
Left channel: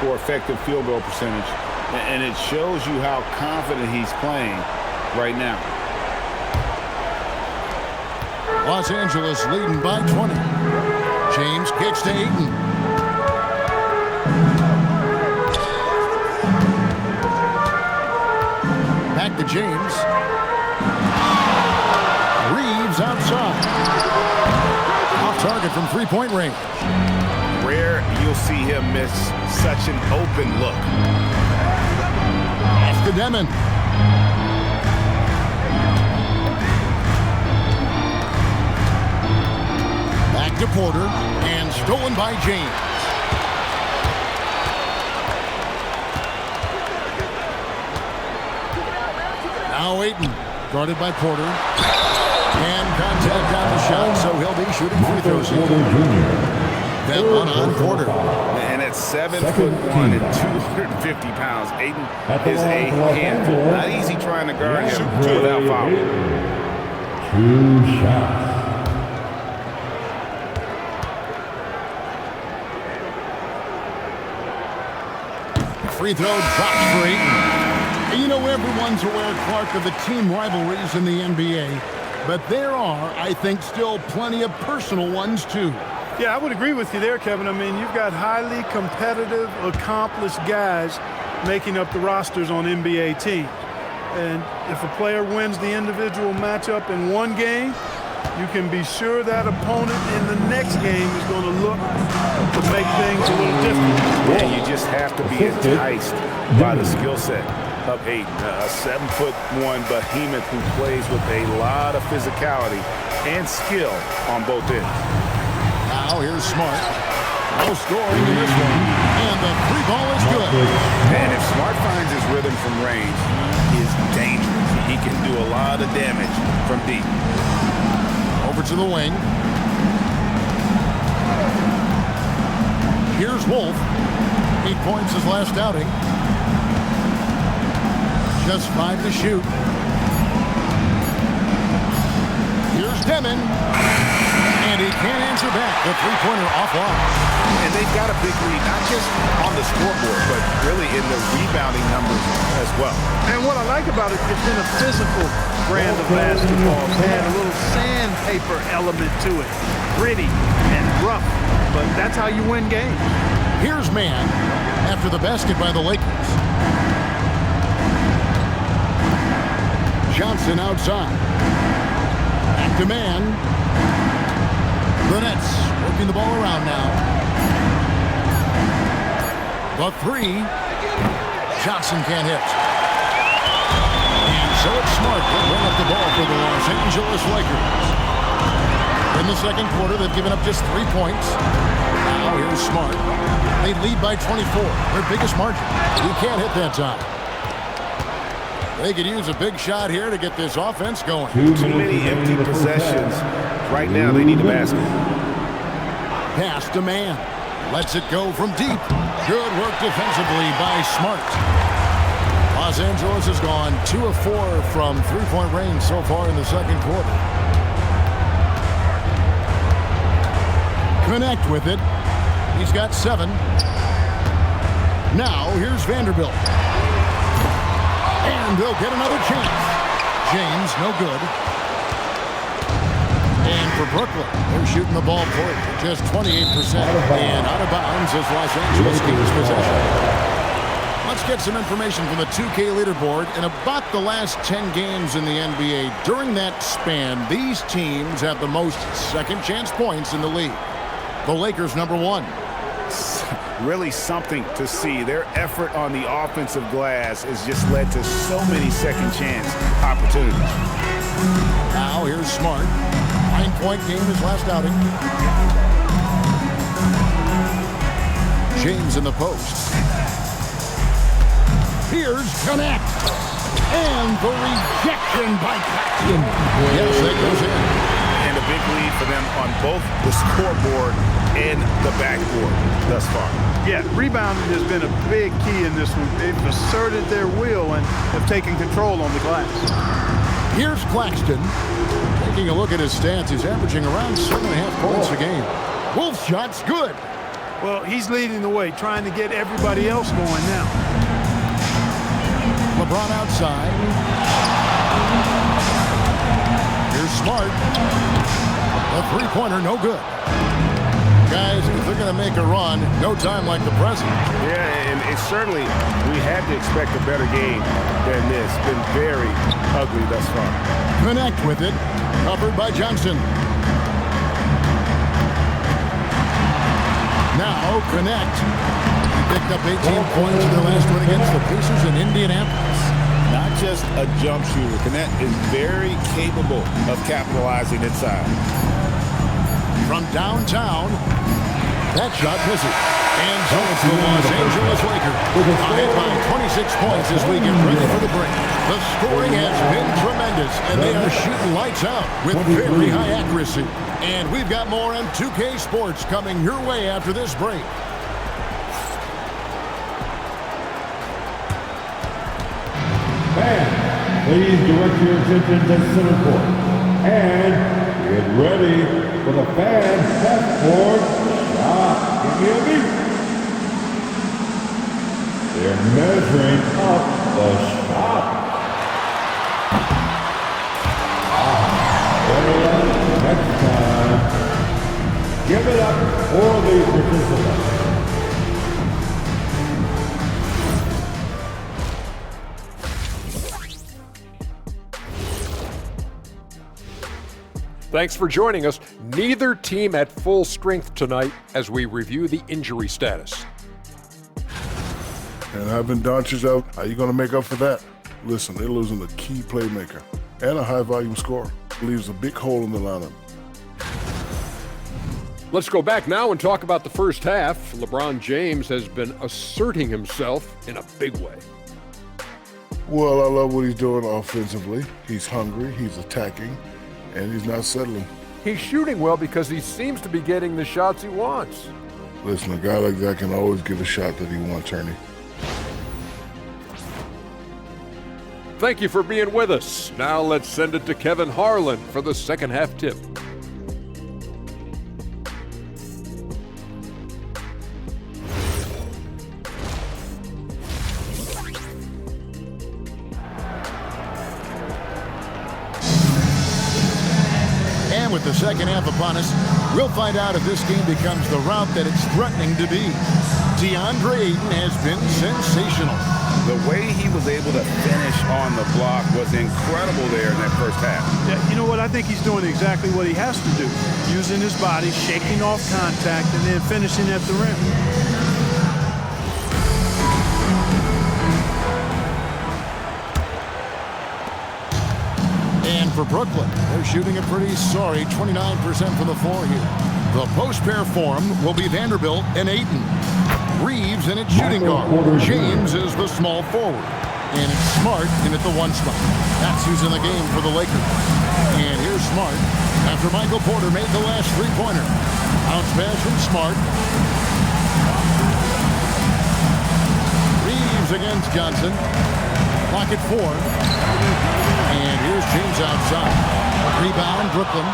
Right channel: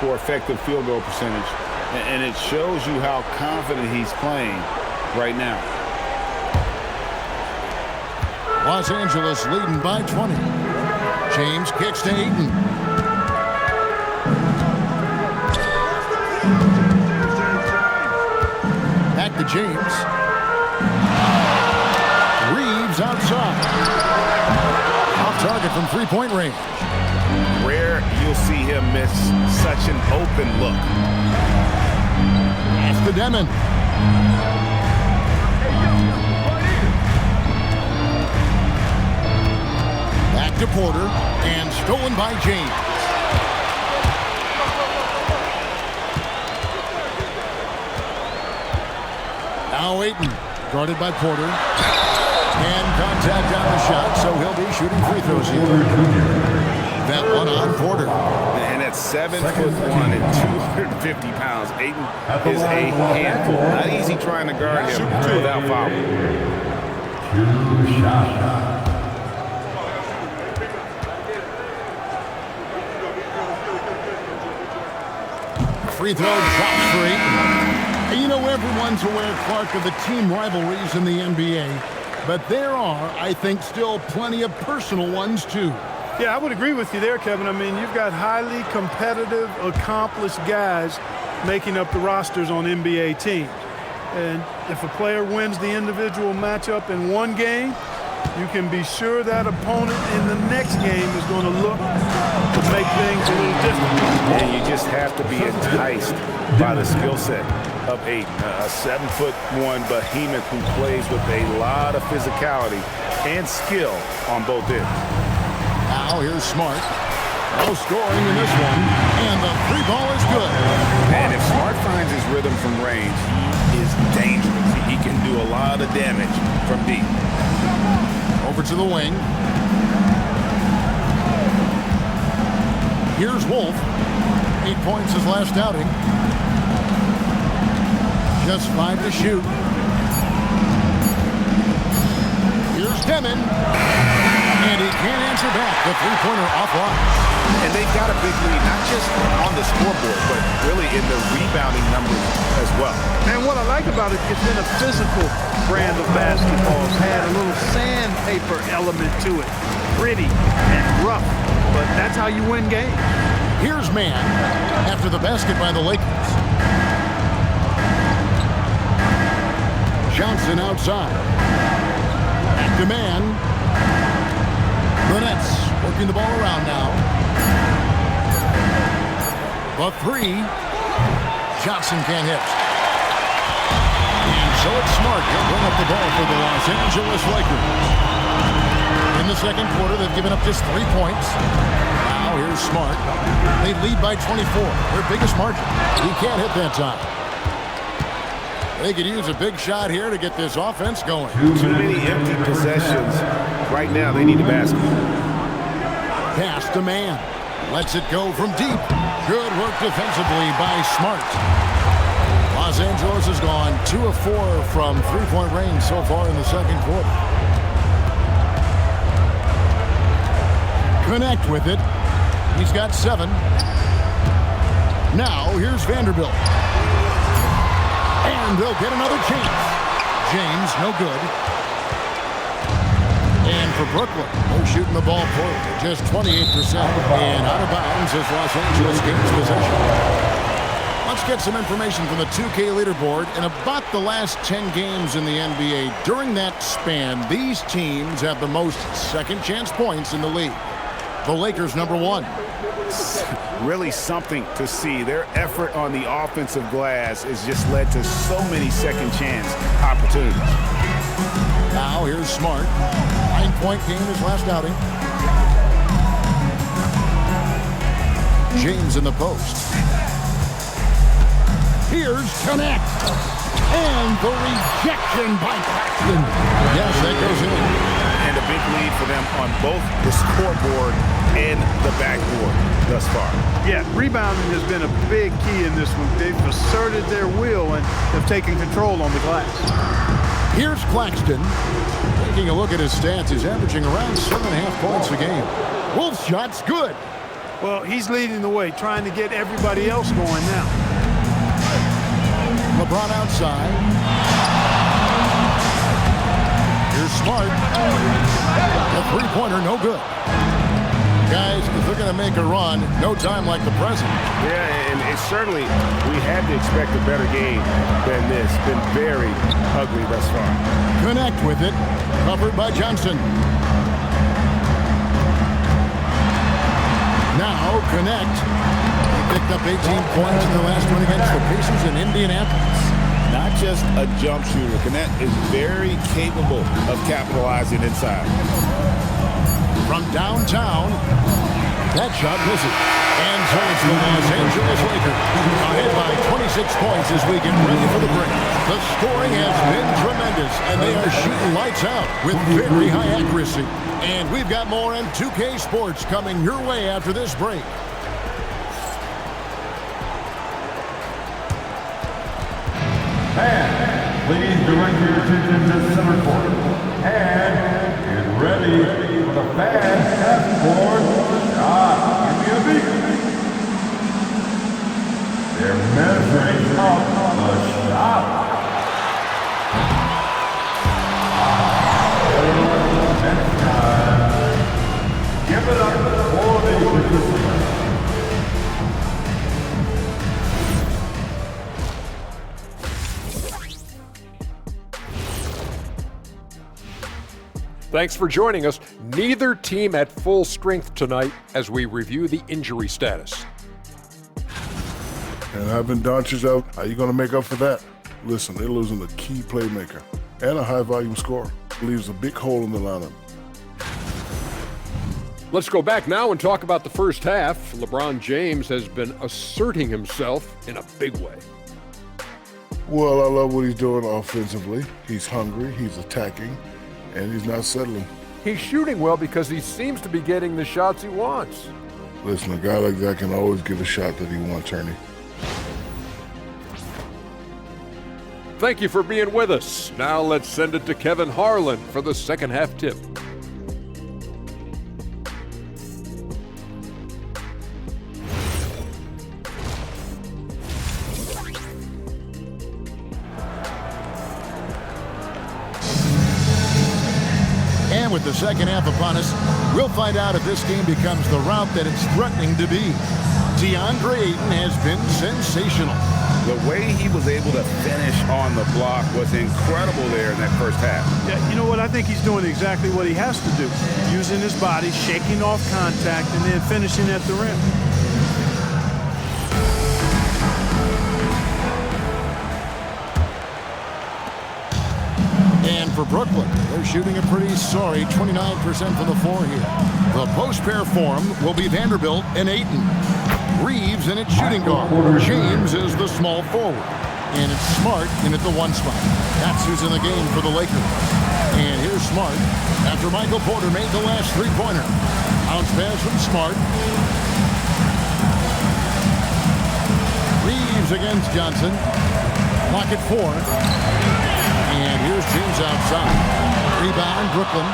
for effective field goal percentage. And it shows you how confident he's playing right now. Los Angeles leading by 20. James kicks to Ayton. Back to James. Reeves outside. Off target from three-point range. Rare you'll see him miss such an open look. That's to Demon. Back to Porter, and stolen by James. Now Ayton, guarded by Porter. And contact on the shot, so he'll be shooting free throws here. That one on Porter. And at 7'1" and 250 pounds, Ayton is a handful. Not easy trying to guard him without fouling. 2 shots. Free throw drops for Ayton. You know, everyone's aware, Clark, of the team rivalries in the NBA, but there are, I think, still plenty of personal ones, too. Yeah, I would agree with you there, Kevin. I mean, you've got highly competitive, accomplished guys making up the rosters on NBA teams. And if a player wins the individual matchup in one game, you can be sure that opponent in the next game is going to look to make things a little different. And you just have to be enticed by the skill set of Ayton, a 7'1" behemoth who plays with a lot of physicality and skill on both ends. Now here's Smart. No scoring in this one, and the 3 ball is good. And if Smart finds his rhythm from range, he is dangerous. He can do a lot of damage from deep. Over to the wing. Here's Wolf. 8 points his last outing. Just 5 to shoot. Here's Demon. And he can't answer back. The three-pointer offline. And they've got a big lead, not just on the scoreboard, but really in the rebounding numbers as well. And what I like about it, it's been a physical brand of basketball. It's had a little sandpaper element to it. Gritty and rough, but that's how you win games. Here's Mann after the basket by the Lakers. Johnson outside. Back to Mann. The Nets working the ball around now. The 3. Johnson can't hit. And so it's Smart. He'll bring up the ball for the Los Angeles Lakers. In the second quarter, they've given up just 3 points. Now here's Smart. They lead by 24. Their biggest margin. He can't hit that time. They could use a big shot here to get this offense going. Too many empty possessions. Right now, they need a basket. Pass to Mann. Lets it go from deep. Good work defensively by Smart. Los Angeles has gone 2 of 4 from three-point range so far in the second quarter. Connect with it. He's got 7. Now here's Vanderbilt. And they'll get another chance. James, no good. And for Brooklyn, they're shooting the ball poorly, just 28%. And out of bounds as Los Angeles Kings possession. Let's get some information from the 2K leaderboard. In about the last 10 games in the NBA, during that span, these teams have the most second chance points in the league. The Lakers, number 1. Really something to see. Their effort on the offensive glass has just led to so many second chance opportunities. Now here's Smart. 9-point game his last outing. James in the post. Here's Connect. And the rejection by Claxton. Yes, that goes in. And a big lead for them on both the scoreboard and the backboard thus far. Yeah, rebounding has been a big key in this one. They've asserted their will and have taken control on the glass. Here's Claxton. Taking a look at his stats, he's averaging around 7.5 points a game. Wolf's shot's good. Well, he's leading the way, trying to get everybody else going now. LeBron outside. Here's Smart. A three-pointer, no good. Guys, if they're going to make a run, no time like the present. Yeah, and it's certainly, we had to expect a better game than this. Been very ugly thus far. Connect with it. Covered by Johnson. Now connect. He picked up 18 points in their last one against the Pacers in Indianapolis. Not just a jump shooter. Connect is very capable of capitalizing inside. From downtown, that shot misses. And so it's the Los Angeles Lakers ahead by 26 points as we get ready for the break. The scoring has been tremendous, and they are shooting lights out with very high accuracy. And we've got more on 2K Sports coming your way after this break. And please direct your attention to center court. And get ready for the fan half-court shot. Give me a beat. They're measuring up the shot. Next time, give it up for the participants. Thanks for joining us. Neither team at full strength tonight as we review the injury status. And having Doncic out, how are you going to make up for that? Listen, they're losing a key playmaker and a high-volume scorer. Leaves a big hole in the lineup. Let's go back now and talk about the first half. LeBron James has been asserting himself in a big way. Well, I love what he's doing offensively. He's hungry, he's attacking, and he's not settling. He's shooting well because he seems to be getting the shots he wants. Listen, a guy like that can always get a shot that he wants, Ernie. Thank you for being with us. Now let's send it to Kevin Harlan for the second half tip. And with the second half upon us, we'll find out if this game becomes the route that it's threatening to be. DeAndre Ayton has been sensational. The way he was able to finish on the block was incredible there in that first half. Yeah, you know what? I think he's doing exactly what he has to do. Using his body, shaking off contact, and then finishing at the rim. And for Brooklyn, they're shooting a pretty sorry 29% from the floor here. The post pair form will be Vanderbilt and Ayton. Reeves in its shooting guard. James is the small forward. And it's Smart in at the one spot. That's who's in the game for the Lakers. And here's Smart after Michael Porter made the last three-pointer. Bounce pass from Smart. Reeves against Johnson. Clock at 4. And here's James outside. Rebound, Brooklyn.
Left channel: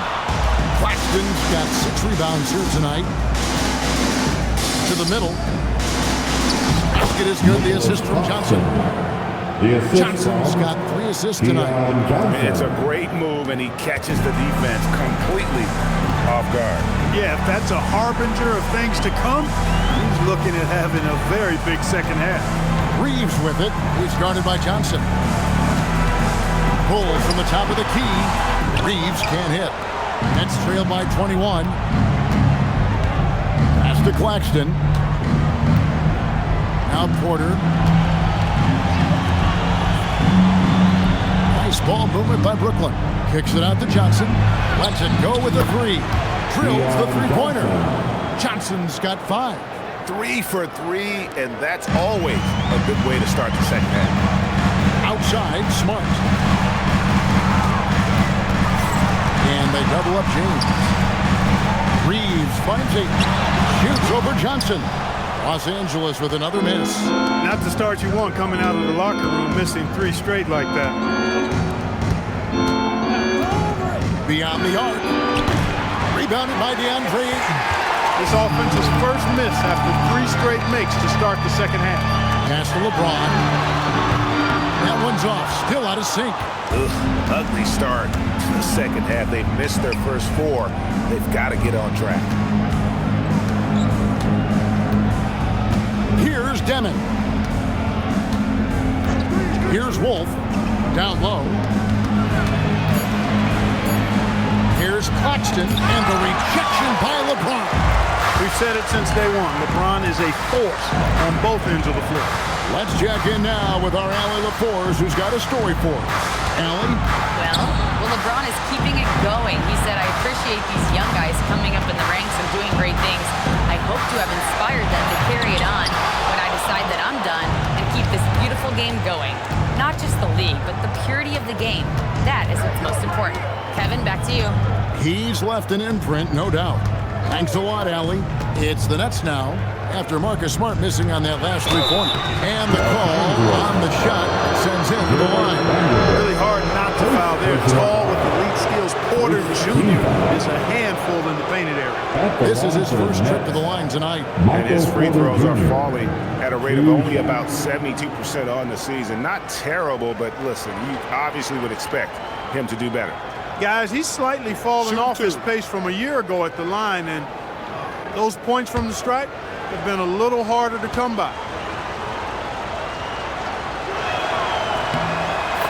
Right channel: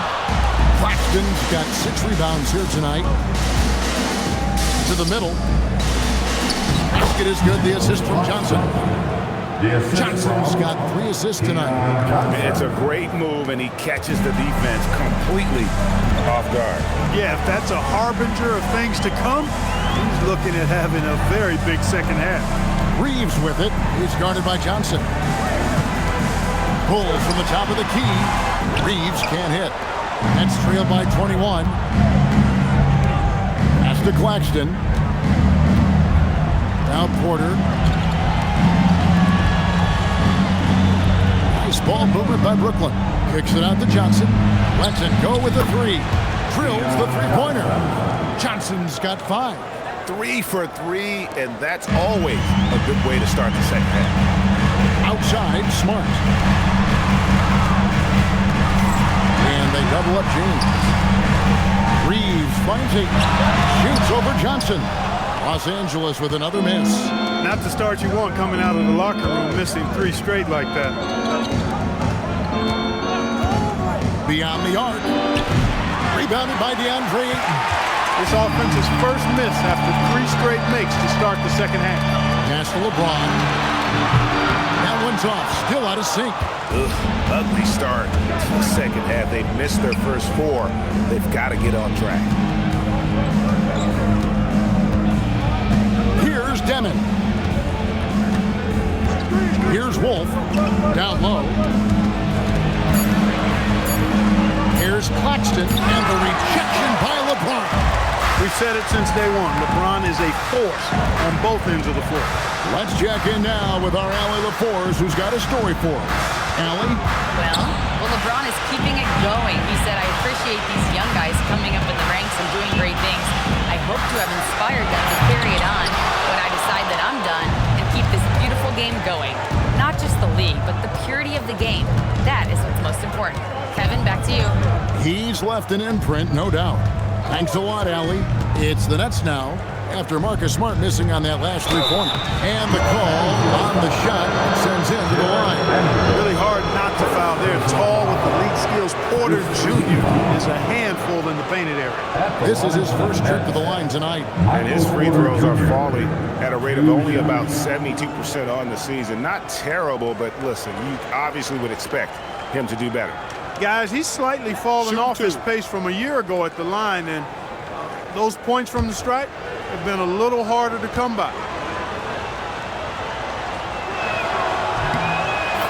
Claxton's got 6 rebounds here tonight. To the middle. Basket is good. The assist from Johnson. Johnson's got 3 assists tonight. It's a great move, and he catches the defense completely off guard. Yeah, if that's a harbinger of things to come, he's looking at having a very big second half. Reeves with it. He's guarded by Johnson. Pull from the top of the key. Reeves can't hit. That's trailed by 21. Pass to Claxton. Now Porter. Nice ball movement by Brooklyn. Kicks it out to Johnson. Lets it go with the 3. Drills the three-pointer. Johnson's got 5. 3 for 3, and that's always a good way to start the second half. Outside, Smart. And they double up James. Reeves finds Ayton. Shoots over Johnson. Los Angeles with another miss. Not the start you want coming out of the locker room, missing 3 straight like that. Beyond the arc. Rebounded by DeAndre Ayton. This offense's first miss after 3 straight makes to start the second half. Pass to LeBron. That one's off. Still out of sync. Ugh, ugly start to the second half. They've missed their first 4. They've got to get on track. Here's Demon. Here's Wolf. Down low. Here's Claxton, and the rejection by LeBron. We've said it since day one. LeBron is a force on both ends of the floor. Let's check in now with our Allie LaForce, who's got a story for us. Allie? Well, LeBron is keeping it going. He said, I appreciate these young guys coming up in the ranks and doing great things. I hope to have inspired them to carry it on when I decide that I'm done and keep this beautiful game going. Not just the league, but the purity of the game. That is what's most important. Kevin, back to you. He's left an imprint, no doubt. Thanks a lot, Allie. It's the Nets now, after Marcus Smart missing on that last 3-pointer. And the call on the shot that sends him to the line. Really hard not to foul there. Tall with elite skills. Porter Jr. is a handful in the painted area. This is his first trip to the line tonight. And his free throws are falling at a rate of only about 72% on the season. Not terrible, but listen, you obviously would expect him to do better. Guys, he's slightly fallen off his pace from a year ago at the line, and those points from the stripe have been a little harder to come by.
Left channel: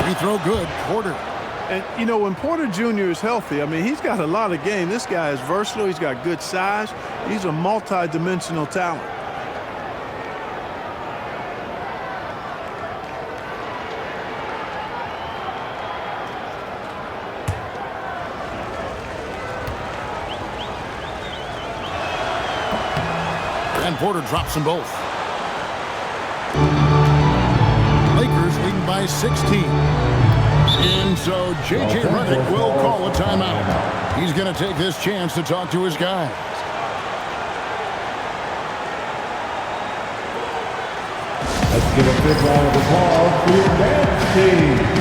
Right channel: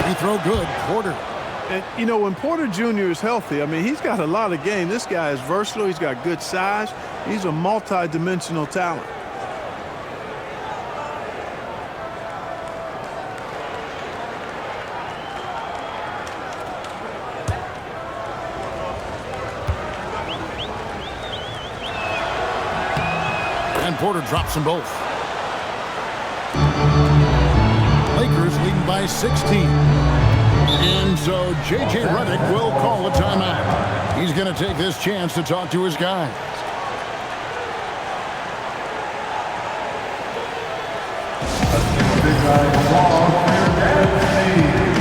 Free throw good, Porter. And, you know, when Porter Jr. is healthy, I mean, he's got a lot of game. This guy is versatile. He's got good size. He's a multi-dimensional talent. And Porter drops them both. Lakers leading by 16. And so J.J. Redick will call a timeout. He's going to take this chance to talk to his guys. Let's give a big round of applause for your dance team.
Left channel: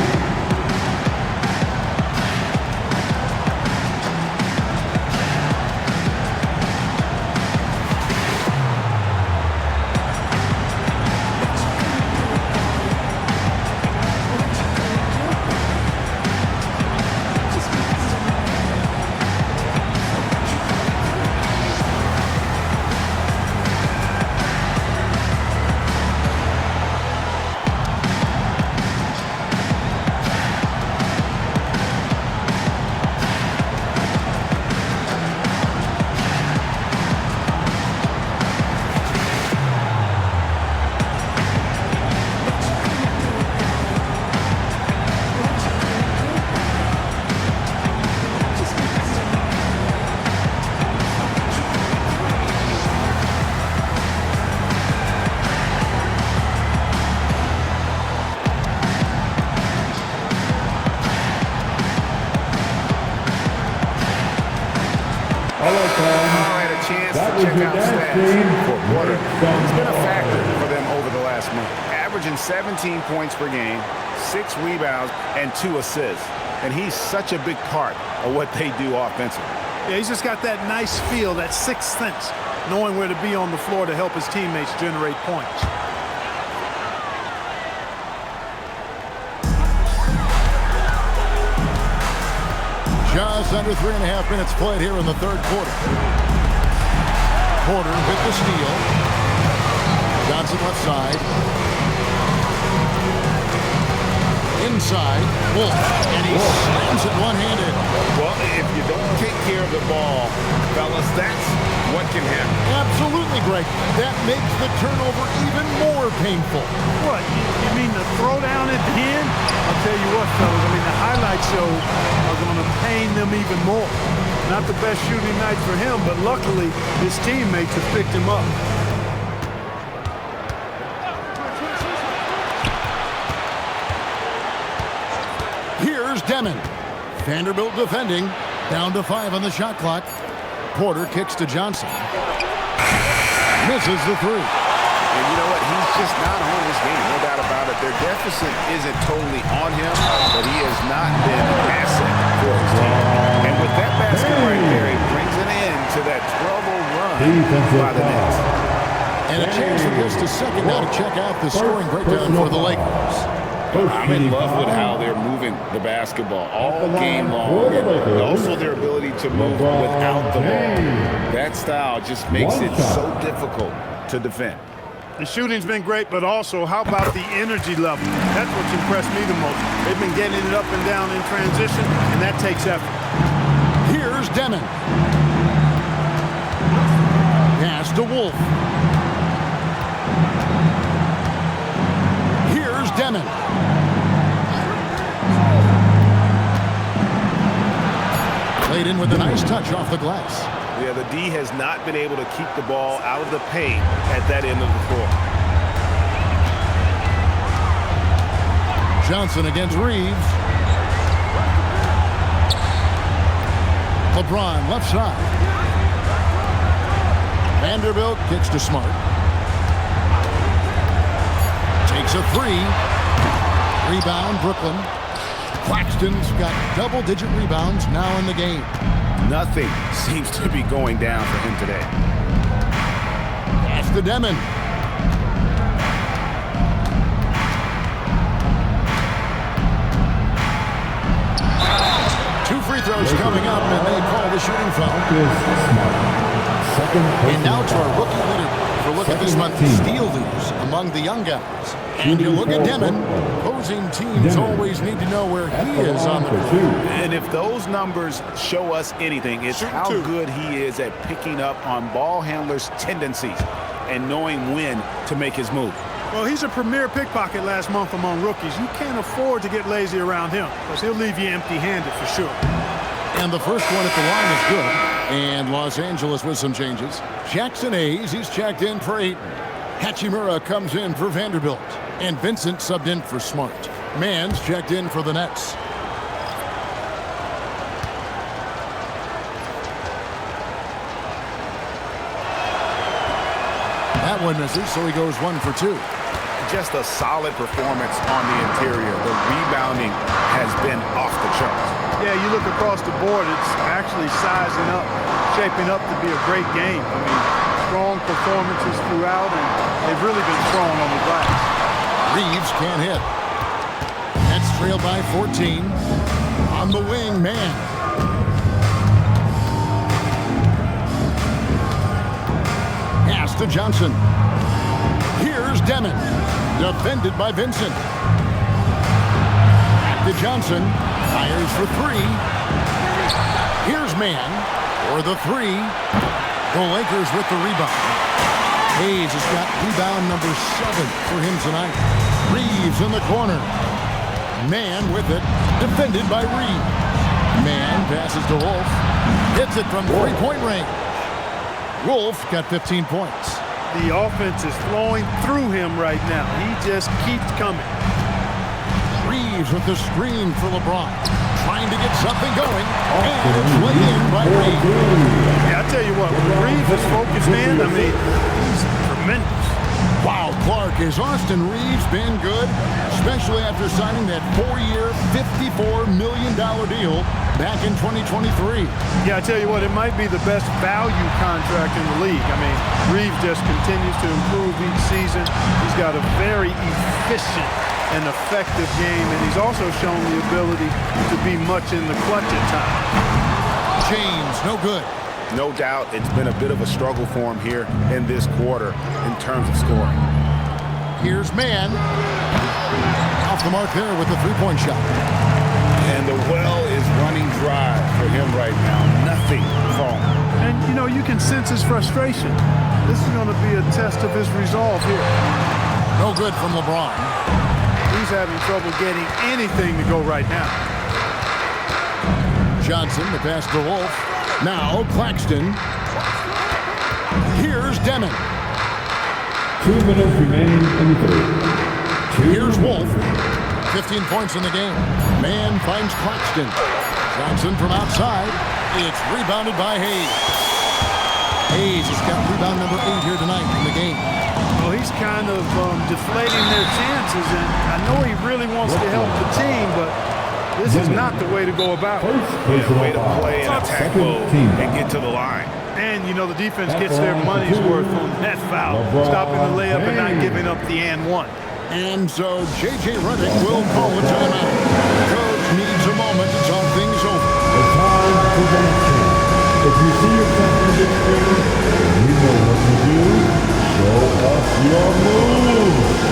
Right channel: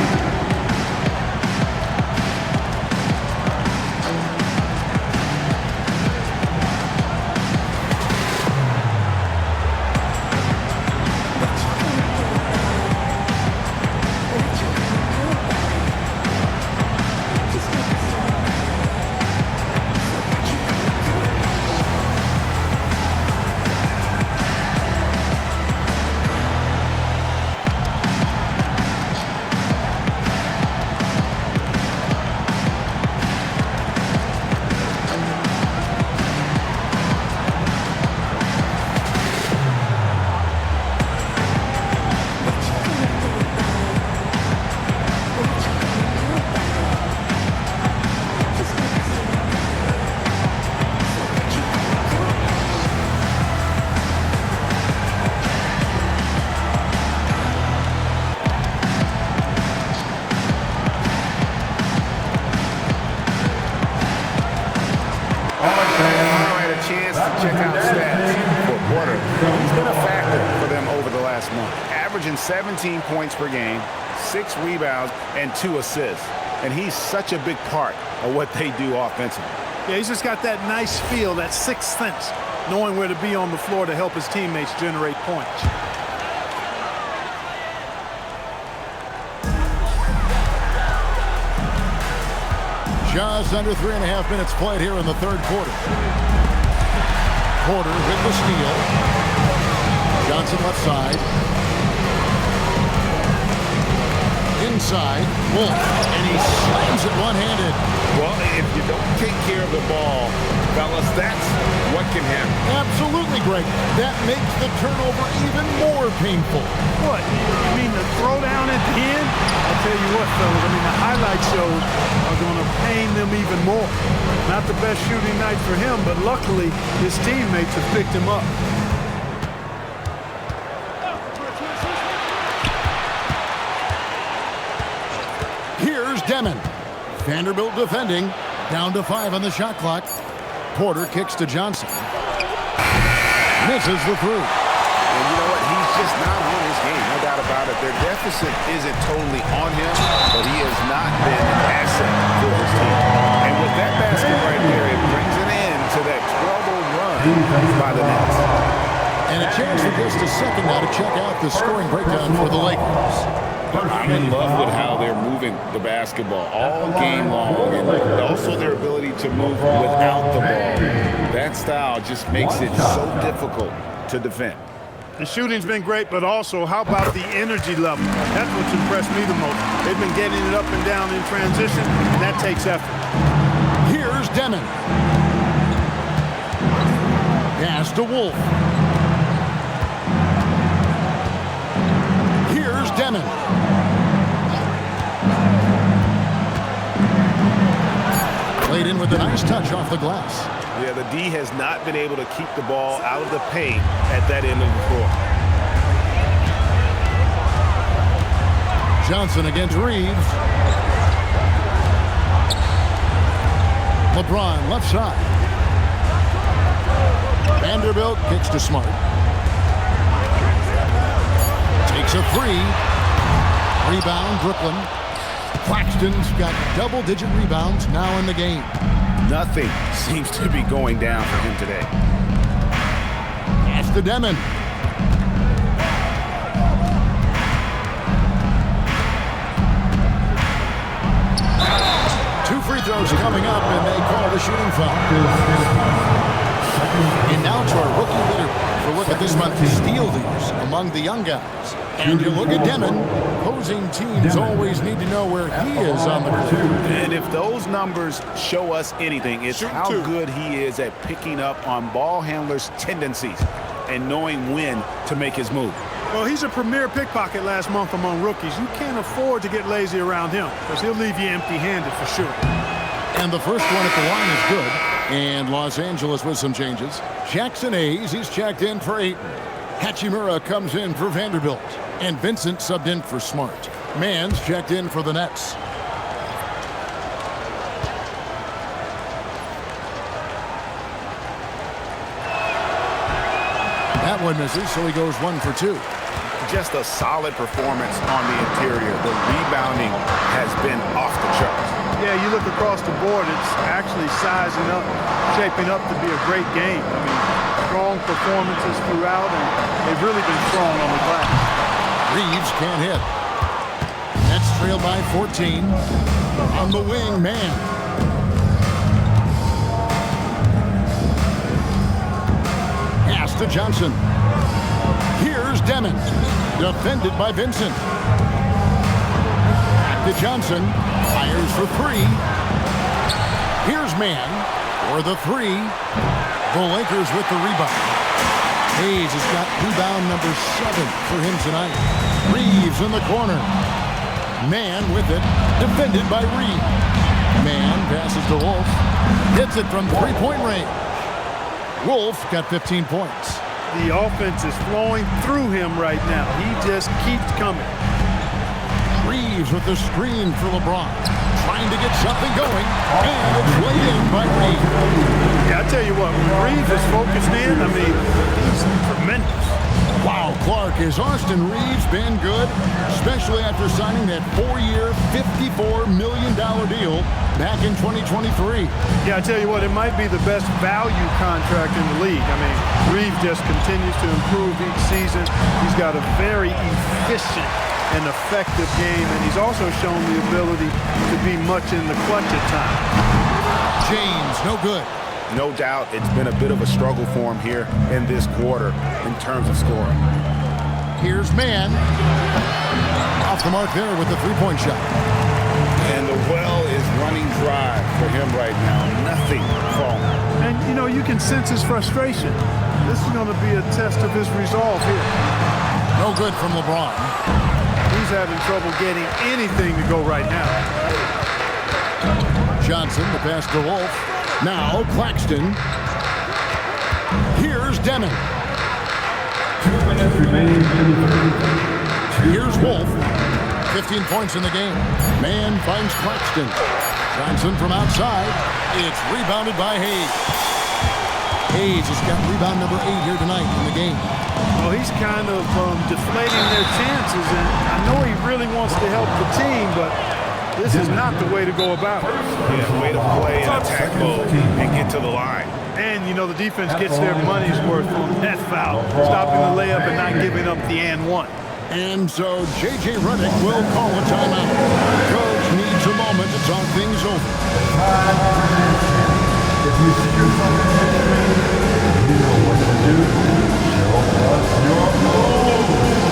Chance to check out stats for Porter. He's been a factor for them over the last month, averaging 17 points per game, 6 rebounds, and 2 assists. And he's such a big part of what they do offensively. Yeah, he's just got that nice feel, that sixth sense, knowing where to be on the floor to help his teammates generate points. Just under 3.5 minutes played here in the third quarter. Porter with the steal. Johnson left side. Inside, Wolf, and he slams it one-handed. Well, if you don't take care of the ball, fellas, that's what can happen. Absolutely, Greg. That makes the turnover even more painful. What, you mean the throwdown at the end? I'll tell you what, fellas, I mean, the highlight shows are going to pain them even more. Not the best shooting night for him, but luckily his teammates have picked him up. Demon. Vanderbilt defending. Down to 5 on the shot clock. Porter kicks to Johnson. Misses the 3. And you know what? He's just not on his game, no doubt about it. Their deficit isn't totally on him, but he has not been an asset for his team. And with that basket right there, it brings an end to that 12-0 run by the Nets. And a chance for just a second now to check out the scoring breakdown for the Lakers. I'm in love with how they're moving the basketball all game long, and also their ability to move without the ball. That style just makes it so difficult to defend. The shooting's been great, but also how about the energy level? That's what's impressed me the most. They've been getting it up and down in transition, and that takes effort. Here's Demon. Pass to Wolf. Here's Demon. Played in with a nice touch off the glass. Yeah, the D has not been able to keep the ball out of the paint at that end of the floor. Johnson against Reeves. LeBron left side. Vanderbilt kicks to Smart. Takes a 3. Rebound, Brooklyn. Claxton's got double-digit rebounds now in the game. Nothing seems to be going down for him today. Pass to Demon. Two free throws coming up, and they call the shooting foul. And now to our rookie leader for look at this month's steal leaders among the young guys. And you look at Demon. Opposing teams always need to know where he is on the court. And if those numbers show us anything, it's how good he is at picking up on ball handlers' tendencies and knowing when to make his move. Well, he's a premier pickpocket last month among rookies. You can't afford to get lazy around him because he'll leave you empty-handed for sure. And the first one at the line is good. And Los Angeles with some changes. Jackson Hayes, he's checked in for Ayton. Hachimura comes in for Vanderbilt. And Vincent subbed in for Smart. Mann's checked in for the Nets. That one misses, so he goes 1 for 2. Just a solid performance on the interior. The rebounding has been off the charts. Yeah, you look across the board, it's actually sizing up, shaping up to be a great game. I mean, strong performances throughout, and they've really been strong on the glass. Reeves can't hit. Nets trail by 14. On the wing, Mann. Pass to Johnson. Here's Demon. Defended by Vincent. Back to Johnson. Fires for 3. Here's Mann for the 3. The Lakers with the rebound. Hayes has got rebound number 7 for him tonight. Reeves in the corner. Mann with it. Defended by Reeves. Mann passes to Wolf. Hits it from 3-point range. Wolf got 15 points. The offense is flowing through him right now. He just keeps coming. Reeves with the screen for LeBron. Trying to get something going. And it's laid in by Reeves. Yeah, I tell you what, when Reeves is focused in, I mean, he's tremendous. Wow, Clark, has Austin Reeves been good? Especially after signing that 4-year, $54 million deal back in 2023. Yeah, I tell you what, it might be the best value contract in the league. I mean, Reeves just continues to improve each season. He's got a very efficient and effective game, and he's also shown the ability to be much in the clutch at times. James, no good. No doubt it's been a bit of a struggle for him here in this quarter in terms of scoring. Here's Mann. Off the mark there with the 3-point shot. And the well is running dry for him right now. Nothing falling. And, you know, you can sense his frustration. This is going to be a test of his resolve here. No good from LeBron. He's having trouble getting anything to go right now. Johnson, the pass to Wolf. Now Claxton. Here's Demon. 2 minutes remaining in the third. Here's Wolf. 15 points in the game. Man finds Claxton. Johnson from outside. It's rebounded by Hayes. Hayes has got rebound number 8 here tonight in the game. Well, he's kind of deflating their chances, and I know he really wants to help the team, but this is not the way to go about it. Yeah, way to play in attack mode and get to the line. And, you know, the defense gets their money's worth on that foul, stopping the layup and not giving up the and one. And so J.J. Redick will call a timeout. Coach needs a moment to talk things over. The time for dancing. If you see yourself on the big screen, you know what to do. Show us your moves.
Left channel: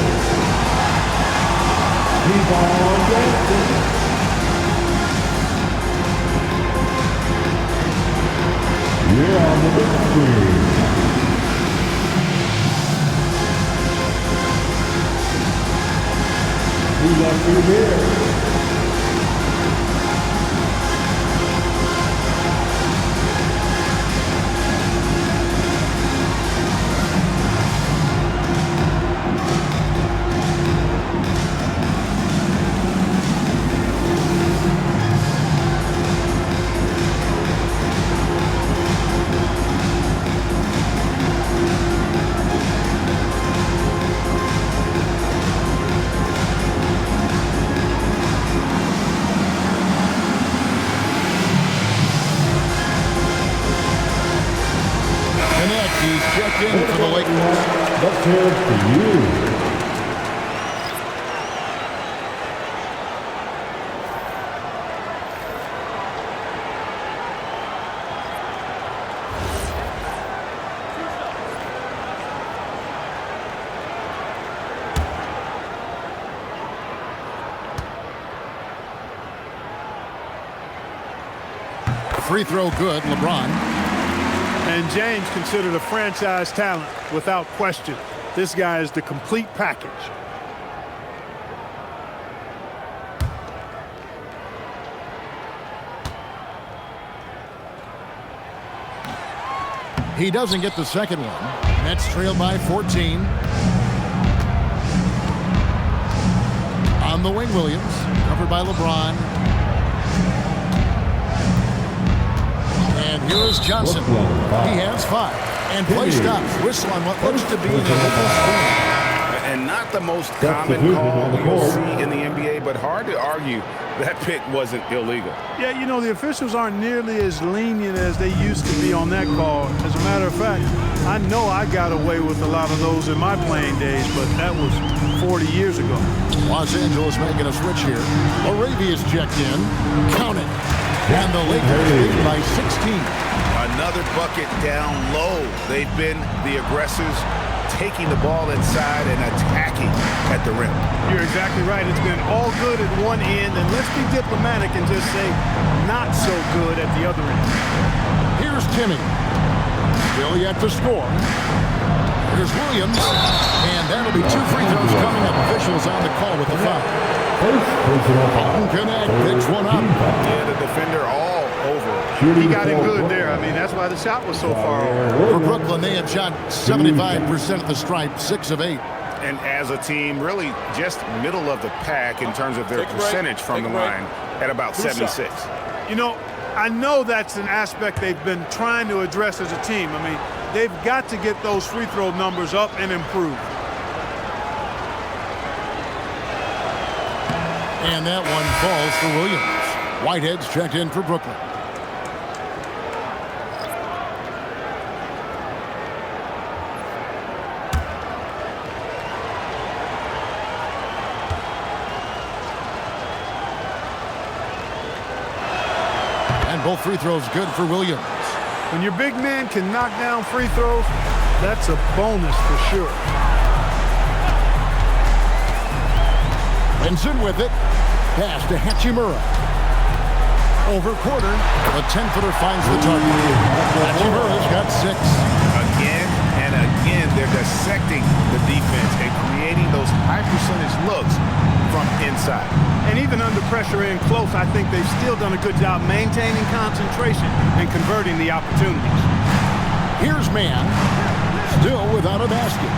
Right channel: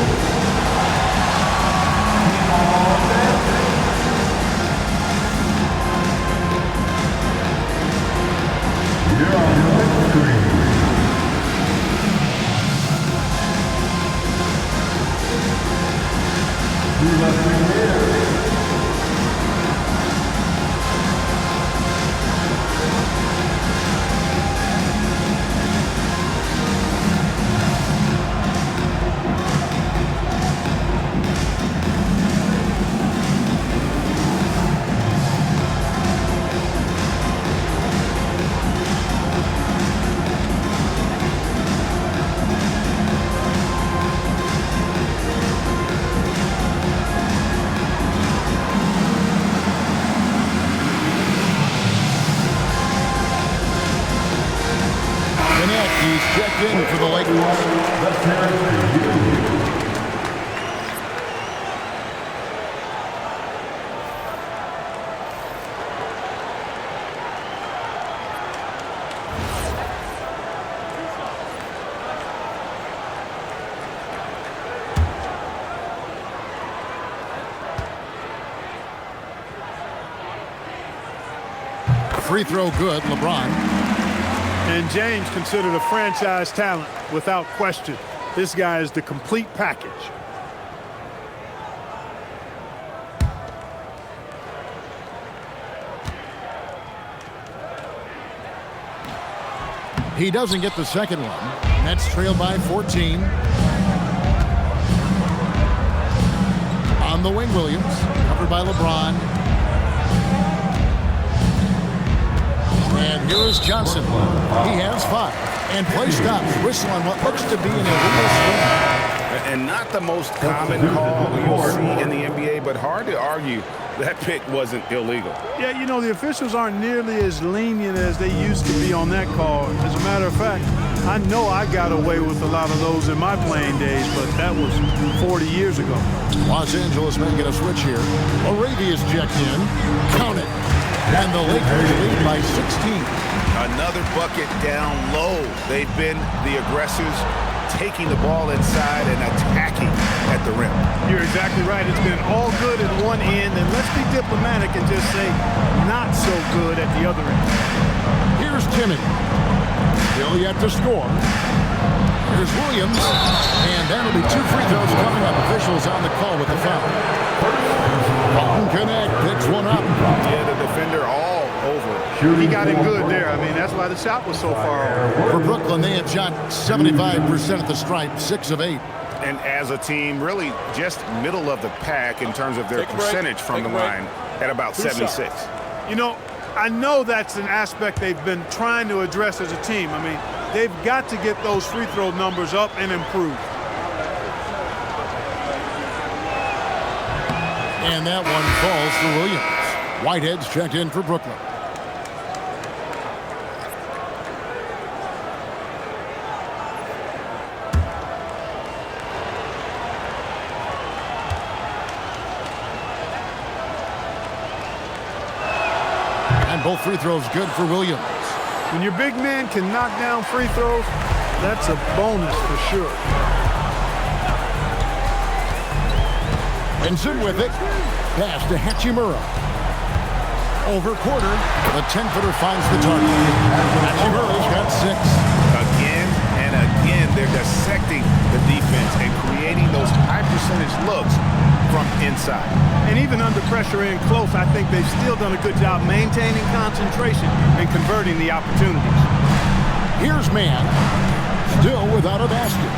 Keep on dancing. You're on the big screen. Who left you here? He's checked in for the Lakers. Let's hear it for you. Free throw good, LeBron. And James considered a franchise talent without question. This guy is the complete package. He doesn't get the second one. Nets trailed by 14. On the wing, Williams, covered by LeBron. And here is Johnson. He has 5. And play stops. Whistle on what looks to be an illegal swing. And not the most common call you'll see in the NBA, but hard to argue that pick wasn't illegal. Yeah, you know, the officials aren't nearly as lenient as they used to be on that call. As a matter of fact, I know I got away with a lot of those in my playing days, but that was 40 years ago. Los Angeles making a switch here. Arabia's checked in. Count it. And the Lakers lead by 16. Another bucket down low. They've been the aggressors, taking the ball inside and attacking at the rim. You're exactly right. It's been all good at one end, and let's be diplomatic and just say not so good at the other end. Here's Timmy. Still yet to score. Here's Williams. And that'll be 2 free throws coming up. Officials on the call with the foul. Alton Connect picks one up. Yeah, the defender all over. He got in good there. I mean, that's why the shot was so far off. For Brooklyn, they have shot 75% at the stripe, 6 of 8. And as a team, really just middle of the pack in terms of their percentage from the line at about 76. You know, I know that's an aspect they've been trying to address as a team. I mean, they've got to get those free throw numbers up and improve. And that one falls for Williams. Whitehead's checked in for Brooklyn. And both free throws good for Williams. When your big man can knock down free throws, that's a bonus for sure. Benson with it. Pass to Hachimura. Over Porter. The 10-footer finds the target. Hachimura's got 6. Again and again, they're dissecting the defense and creating those high-percentage looks from inside. And even under pressure in close, I think they've still done a good job maintaining concentration and converting the opportunities. Here's Man. Still without a basket.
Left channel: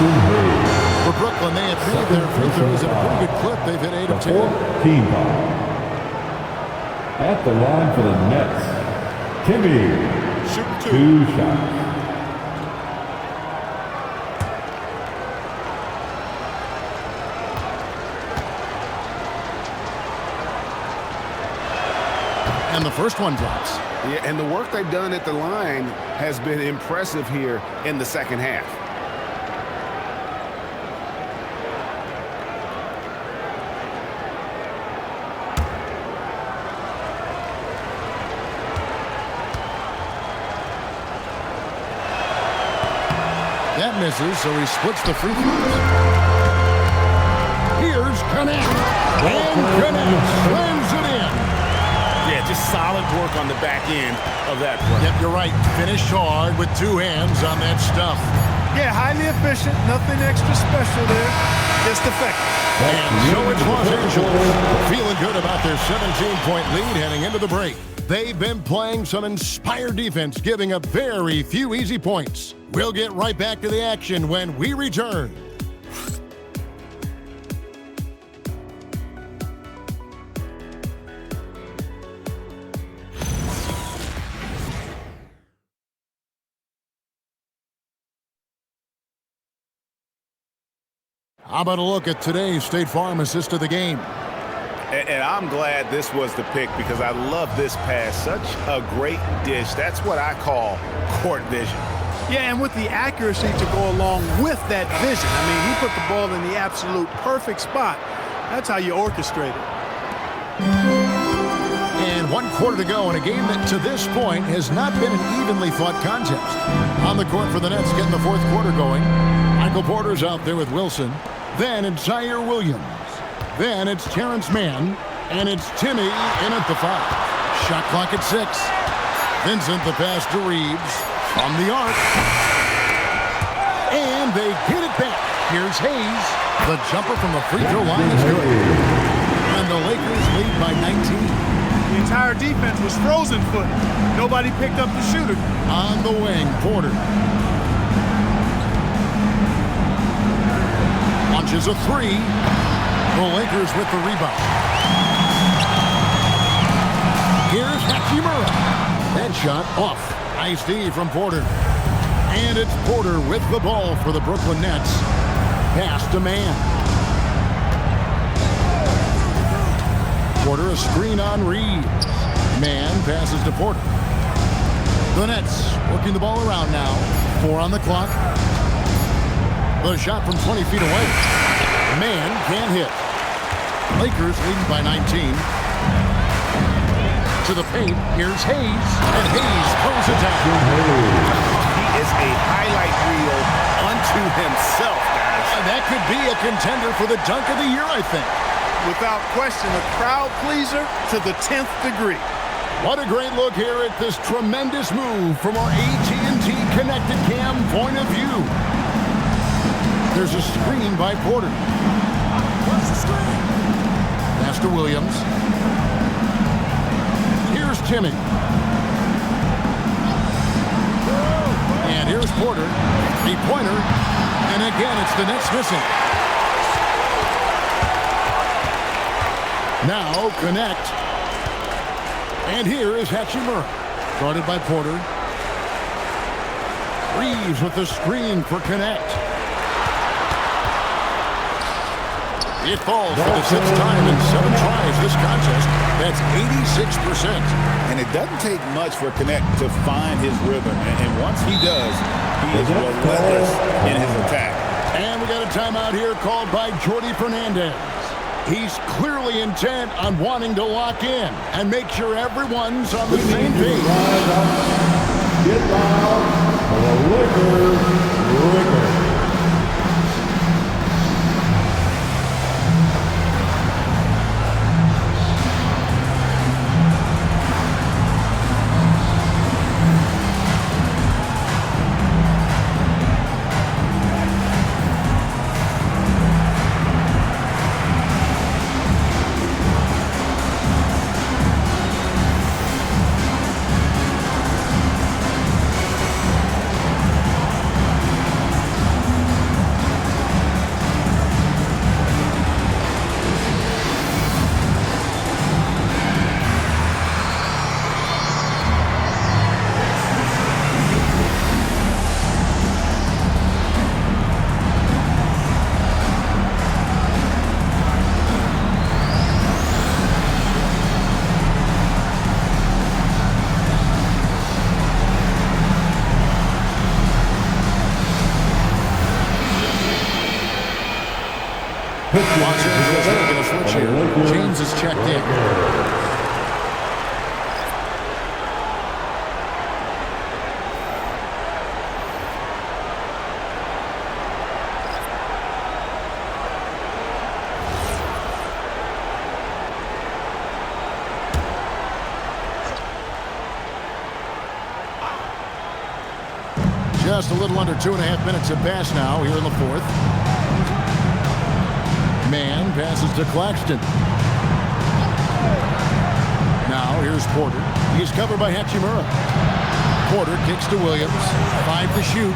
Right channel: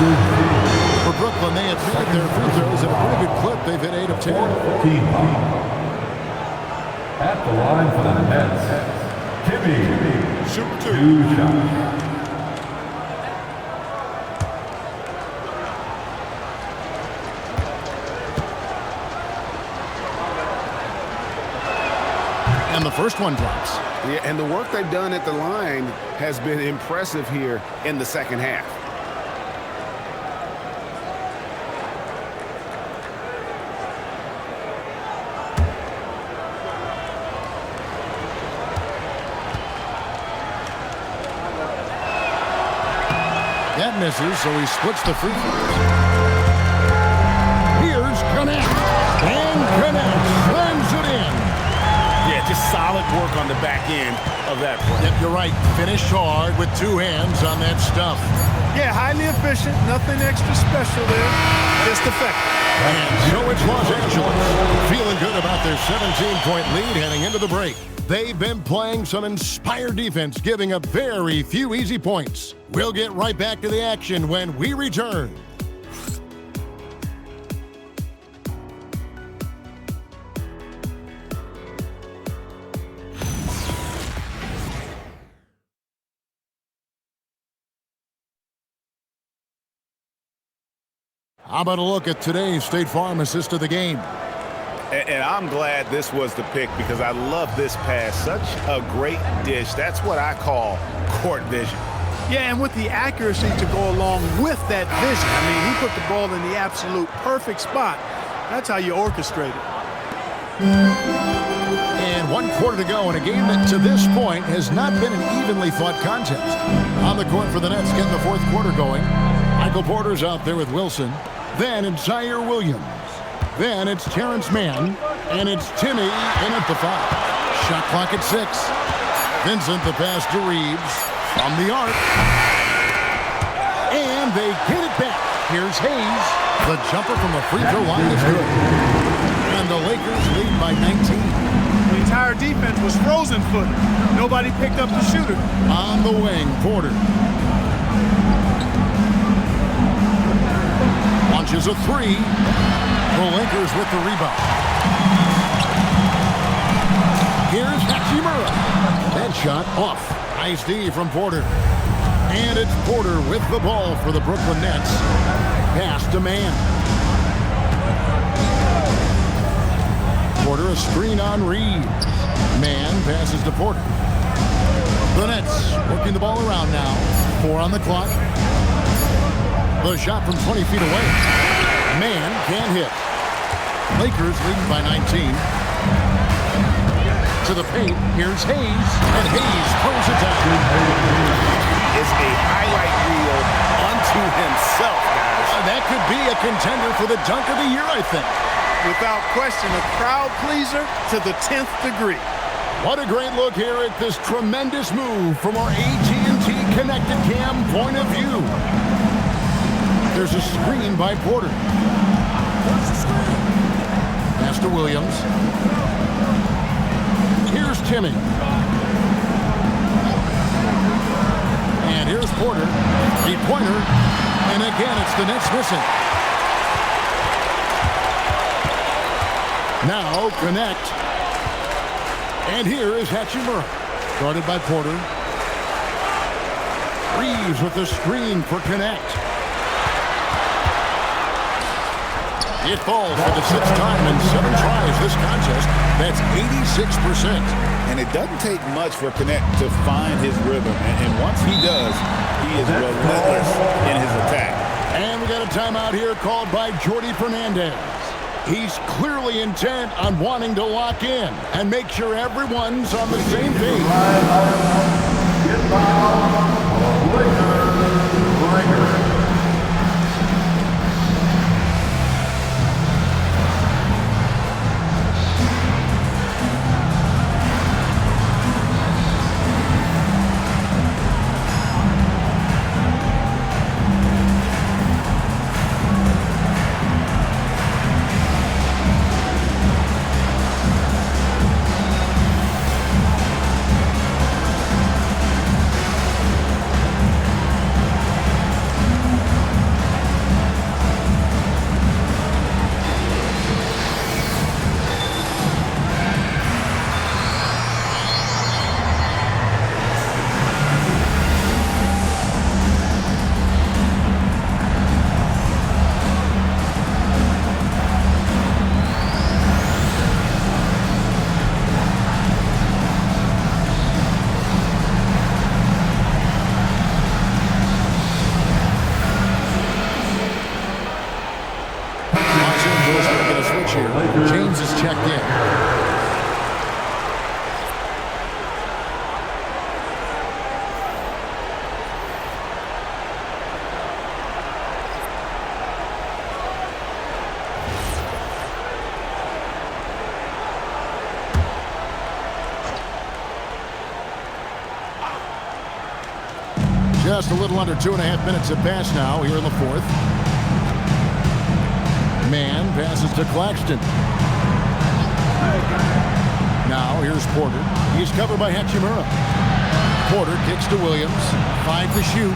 For Brooklyn, they have made their free throws at a pretty good clip. They've hit 8 of 10. Team foul. At the line for the Nets, Timmy. Shooting 2 shots. And the first one drops. Yeah, and the work they've done at the line has been impressive here in the second half. That misses, so he splits the free throws. Here's Connect. And Connect slams it in. Yeah, just solid work on the back end of that play. Yep, you're right. Finished hard with 2 hands on that stuff. Yeah, highly efficient. Nothing extra special there. Just effective. And so it's Los Angeles feeling good about their 17-point lead heading into the break. They've been playing some inspired defense, giving up very few easy points. We'll get right back to the action when we return. How about a look at today's State Farm assist of the game? And I'm glad this was the pick because I love this pass. Such a great dish. That's what I call court vision. Yeah, and with the accuracy to go along with that vision. I mean, he put the ball in the absolute perfect spot. That's how you orchestrate it. And 1 quarter to go in a game that to this point has not been an evenly fought contest. On the court for the Nets, getting the 4th quarter going. Michael Porter's out there with Wilson. Then it's Zaire Williams. Then it's Terrence Mann. And it's Timmy in at the 5. Shot clock at 6. Vincent the pass to Reeves from the arc. And they get it back. Here's Hayes. The jumper from the free throw line is good. And the Lakers lead by 19. The entire defense was frozen-footed. Nobody picked up the shooter. On the wing, Porter. Launches a 3. The Lakers with the rebound. Here's Hachimura. That shot off. Nice D from Porter. And it's Porter with the ball for the Brooklyn Nets. Pass to Mann. Porter a screen on Reeves. Mann passes to Porter. The Nets working the ball around now. 4 on the clock. The shot from 20 feet away. Mann can't hit. Lakers leading by 19. To the paint, here's Hayes. And Hayes throws it down. He is a highlight reel unto himself, guys. That could be a contender for the dunk of the year, I think. Without question, a crowd pleaser to the 10th degree. What a great look here at this tremendous move from our AT&T Connected Cam point of view. There's a screen by Porter. What's the screen? Pass to Williams. Here's Timmy. And here's Porter. The pointer. And again, it's the Nets missing. Now, Connect. And here is Hachimura. Guarded by Porter. Reeves with the screen for Connect. It falls for the 6th time in 7 tries this contest. That's 86%. And it doesn't take much for Connect to find his rhythm. And once he does, he is relentless in his attack. And we got a timeout here called by Jordi Fernandez. He's clearly intent on wanting to lock in and make sure everyone's on the same page. Get loud. Lakers. Los Angeles making a switch here. James is checked in. Just a little under 2.5 minutes have passed now here in the fourth. Man passes to Claxton. Now here's Porter. He's covered by Hachimura. Porter kicks to Williams. 5 to shoot.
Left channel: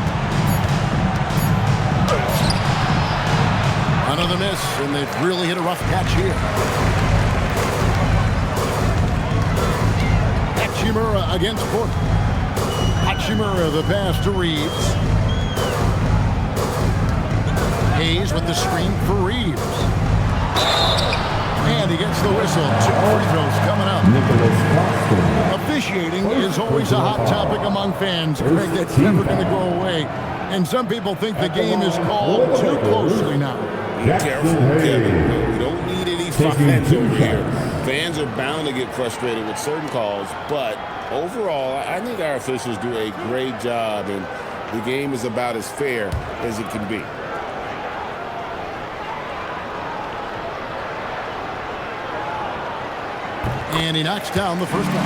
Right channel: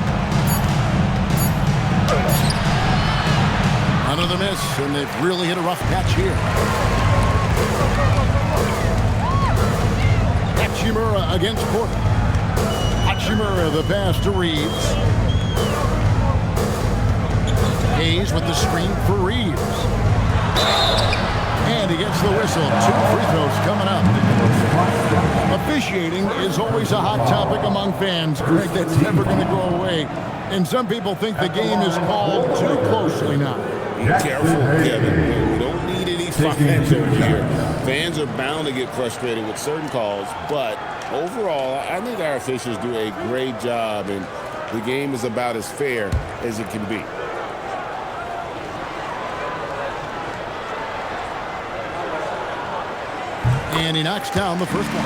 Another miss, and they've really hit a rough patch here. Hachimura against Porter. Hachimura, the pass to Reeves. Hayes with the screen for Reeves. And he gets the whistle. 2 free throws coming up. Officiating is always a hot topic among fans, Greg. That's never going to go away. And some people think the game is called too closely now. Be careful, Kevin. We don't need any fines over here. Fans are bound to get frustrated with certain calls, but overall, I think our officials do a great job, and the game is about as fair as it can be. And he knocks down the first one.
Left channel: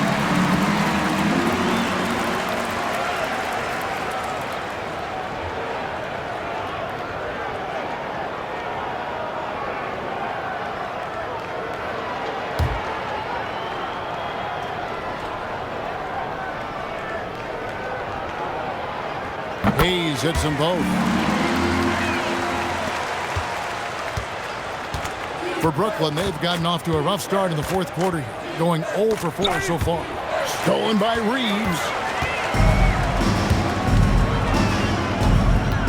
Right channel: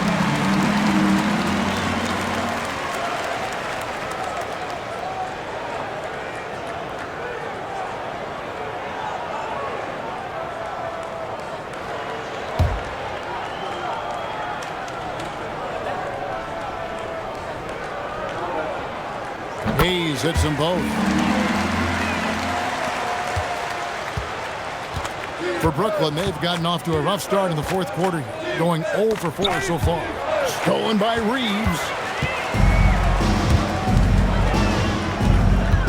Hayes hits them both. For Brooklyn, they've gotten off to a rough start in the fourth quarter, going 0 for 4 so far. Stolen by Reeves.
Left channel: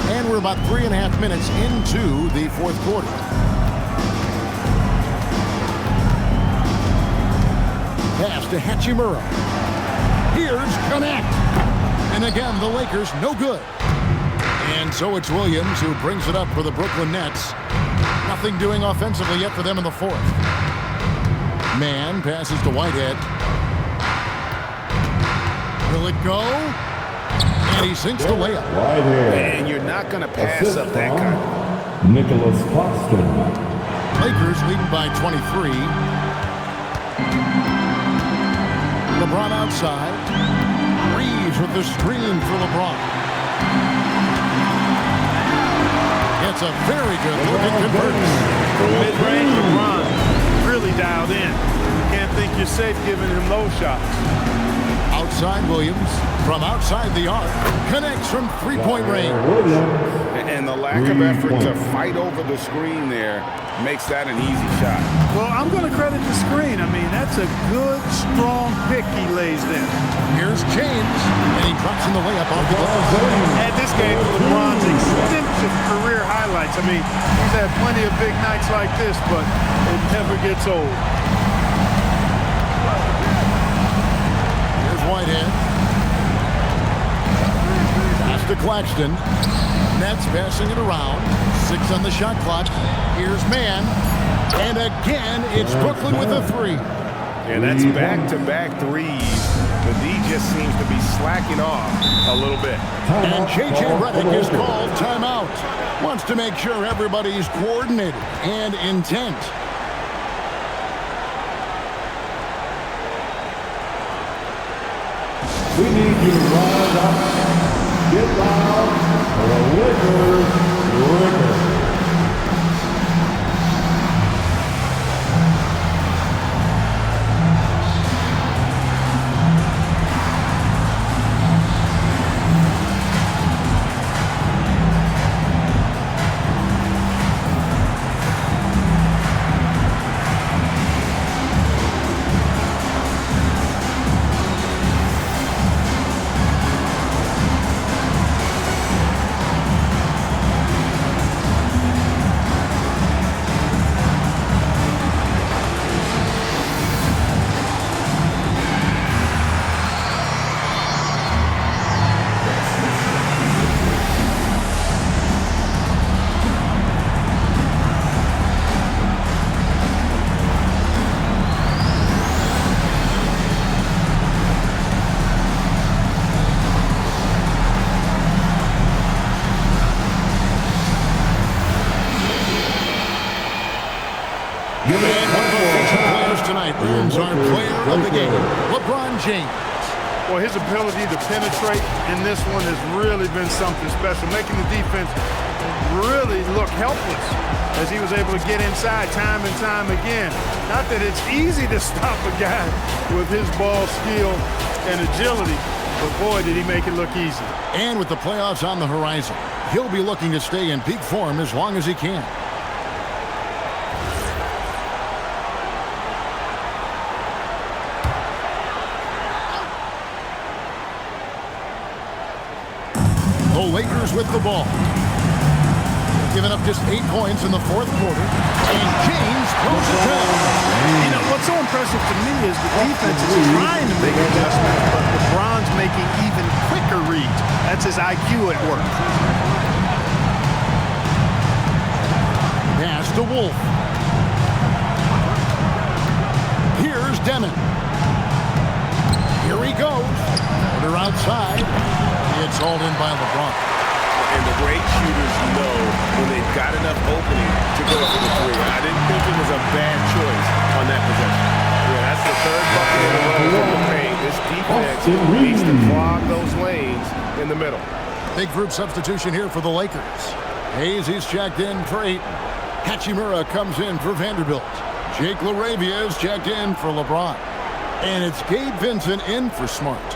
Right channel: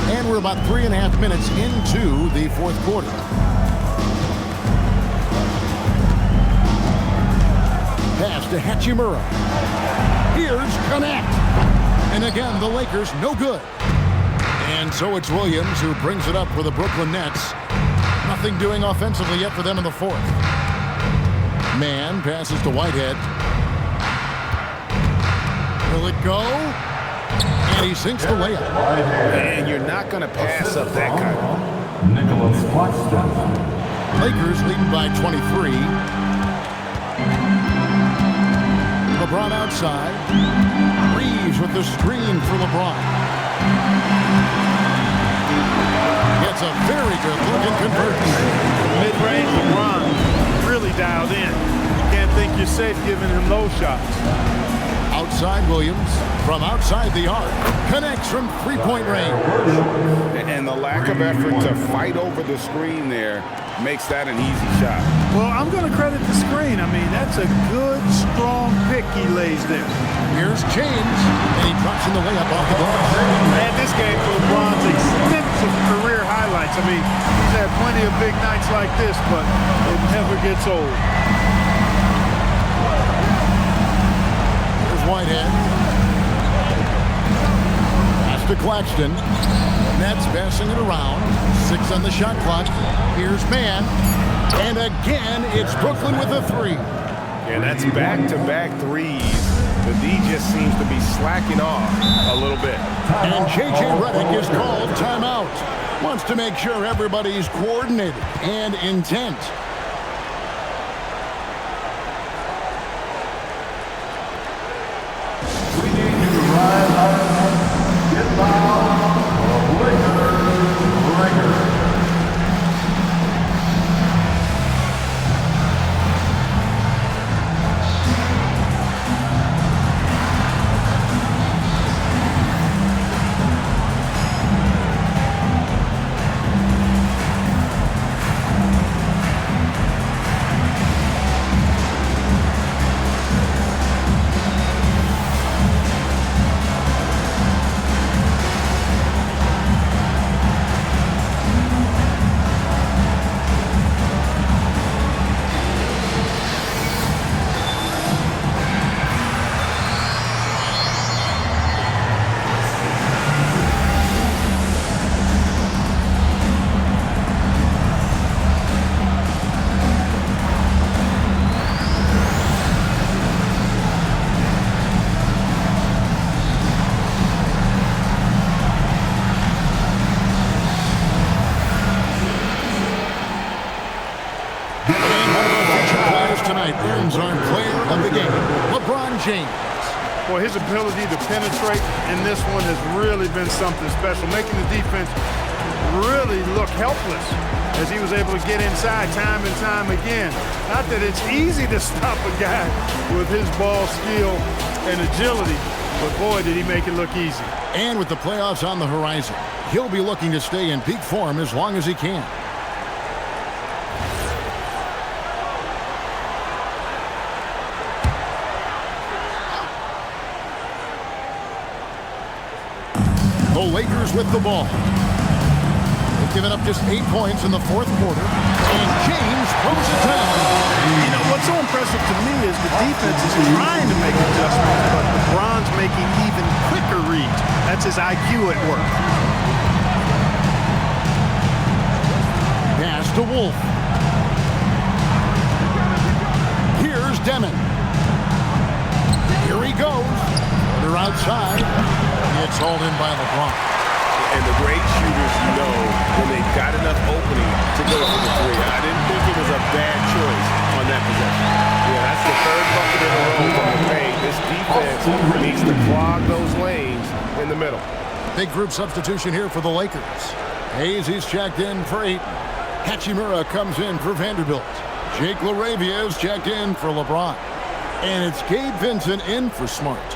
And we're about 3.5 minutes into the fourth quarter. Pass to Hachimura. Here's Connect. And again, the Lakers no good. And so it's Williams who brings it up for the Brooklyn Nets. Nothing doing offensively yet for them in the fourth. Man passes to Whitehead. Will it go? And he sinks the layup. And you're not going to pass up that kind of. Nicholas Claxton. Lakers leading by 23. LeBron outside. Reeves with the screen for LeBron. Gets a very good look and converts. Mid-range, LeBron really dialed in. You can't think you're safe giving him those shots. Outside Williams, from outside the arc, connects from three-point range. And the lack of effort to fight over the screen there makes that an easy shot. Well, I'm going to credit the screen. I mean, that's a good, strong pick he lays there. Here's James, and he drops in the layup off the glass. Add this game to LeBron's extensive career highlights. I mean, he's had plenty of big nights like this, but it never gets old. Here's Whitehead. Pass to Claxton. Nets passing it around. 6 on the shot clock. Here's Man. And again, it's Brooklyn with a 3. And that's back-to-back threes. The D just seems to be slacking off a little bit. And J.J. Redick is called timeout. Wants to make sure everybody's coordinated and intent. We need you to rise up, get loud, for the Lakers. tonight earns our player of the game, LeBron James. Well, his ability to penetrate in this one has really been something special, making the defense really look helpless as he was able to get inside time and time again. Not that it's easy to stop a guy with his ball skill and agility, but boy, did he make it look easy. And with the playoffs on the horizon, he'll be looking to stay in peak form as long as he can. The Lakers with the ball. They've given up just 8 points in the fourth quarter, and James throws it down. You know, what's so impressive to me is the defense is trying to make adjustments, but LeBron's making even quicker reads. That's his IQ at work. Pass to Wolf. Here's Demon. Here he goes. Order outside. It's hauled in by LeBron. And the great shooters know when they've got enough opening to go for the three. I didn't think it was a bad choice on that possession. Yeah, that's the third bucket in a row from the paint. This defense needs to clog those lanes in the middle. Big group substitution here for the Lakers. Hayes, he's checked in for Ayton. Hachimura comes in for Vanderbilt. Jake LaRavia is checked in for LeBron. And it's Gabe Vincent in for Smart.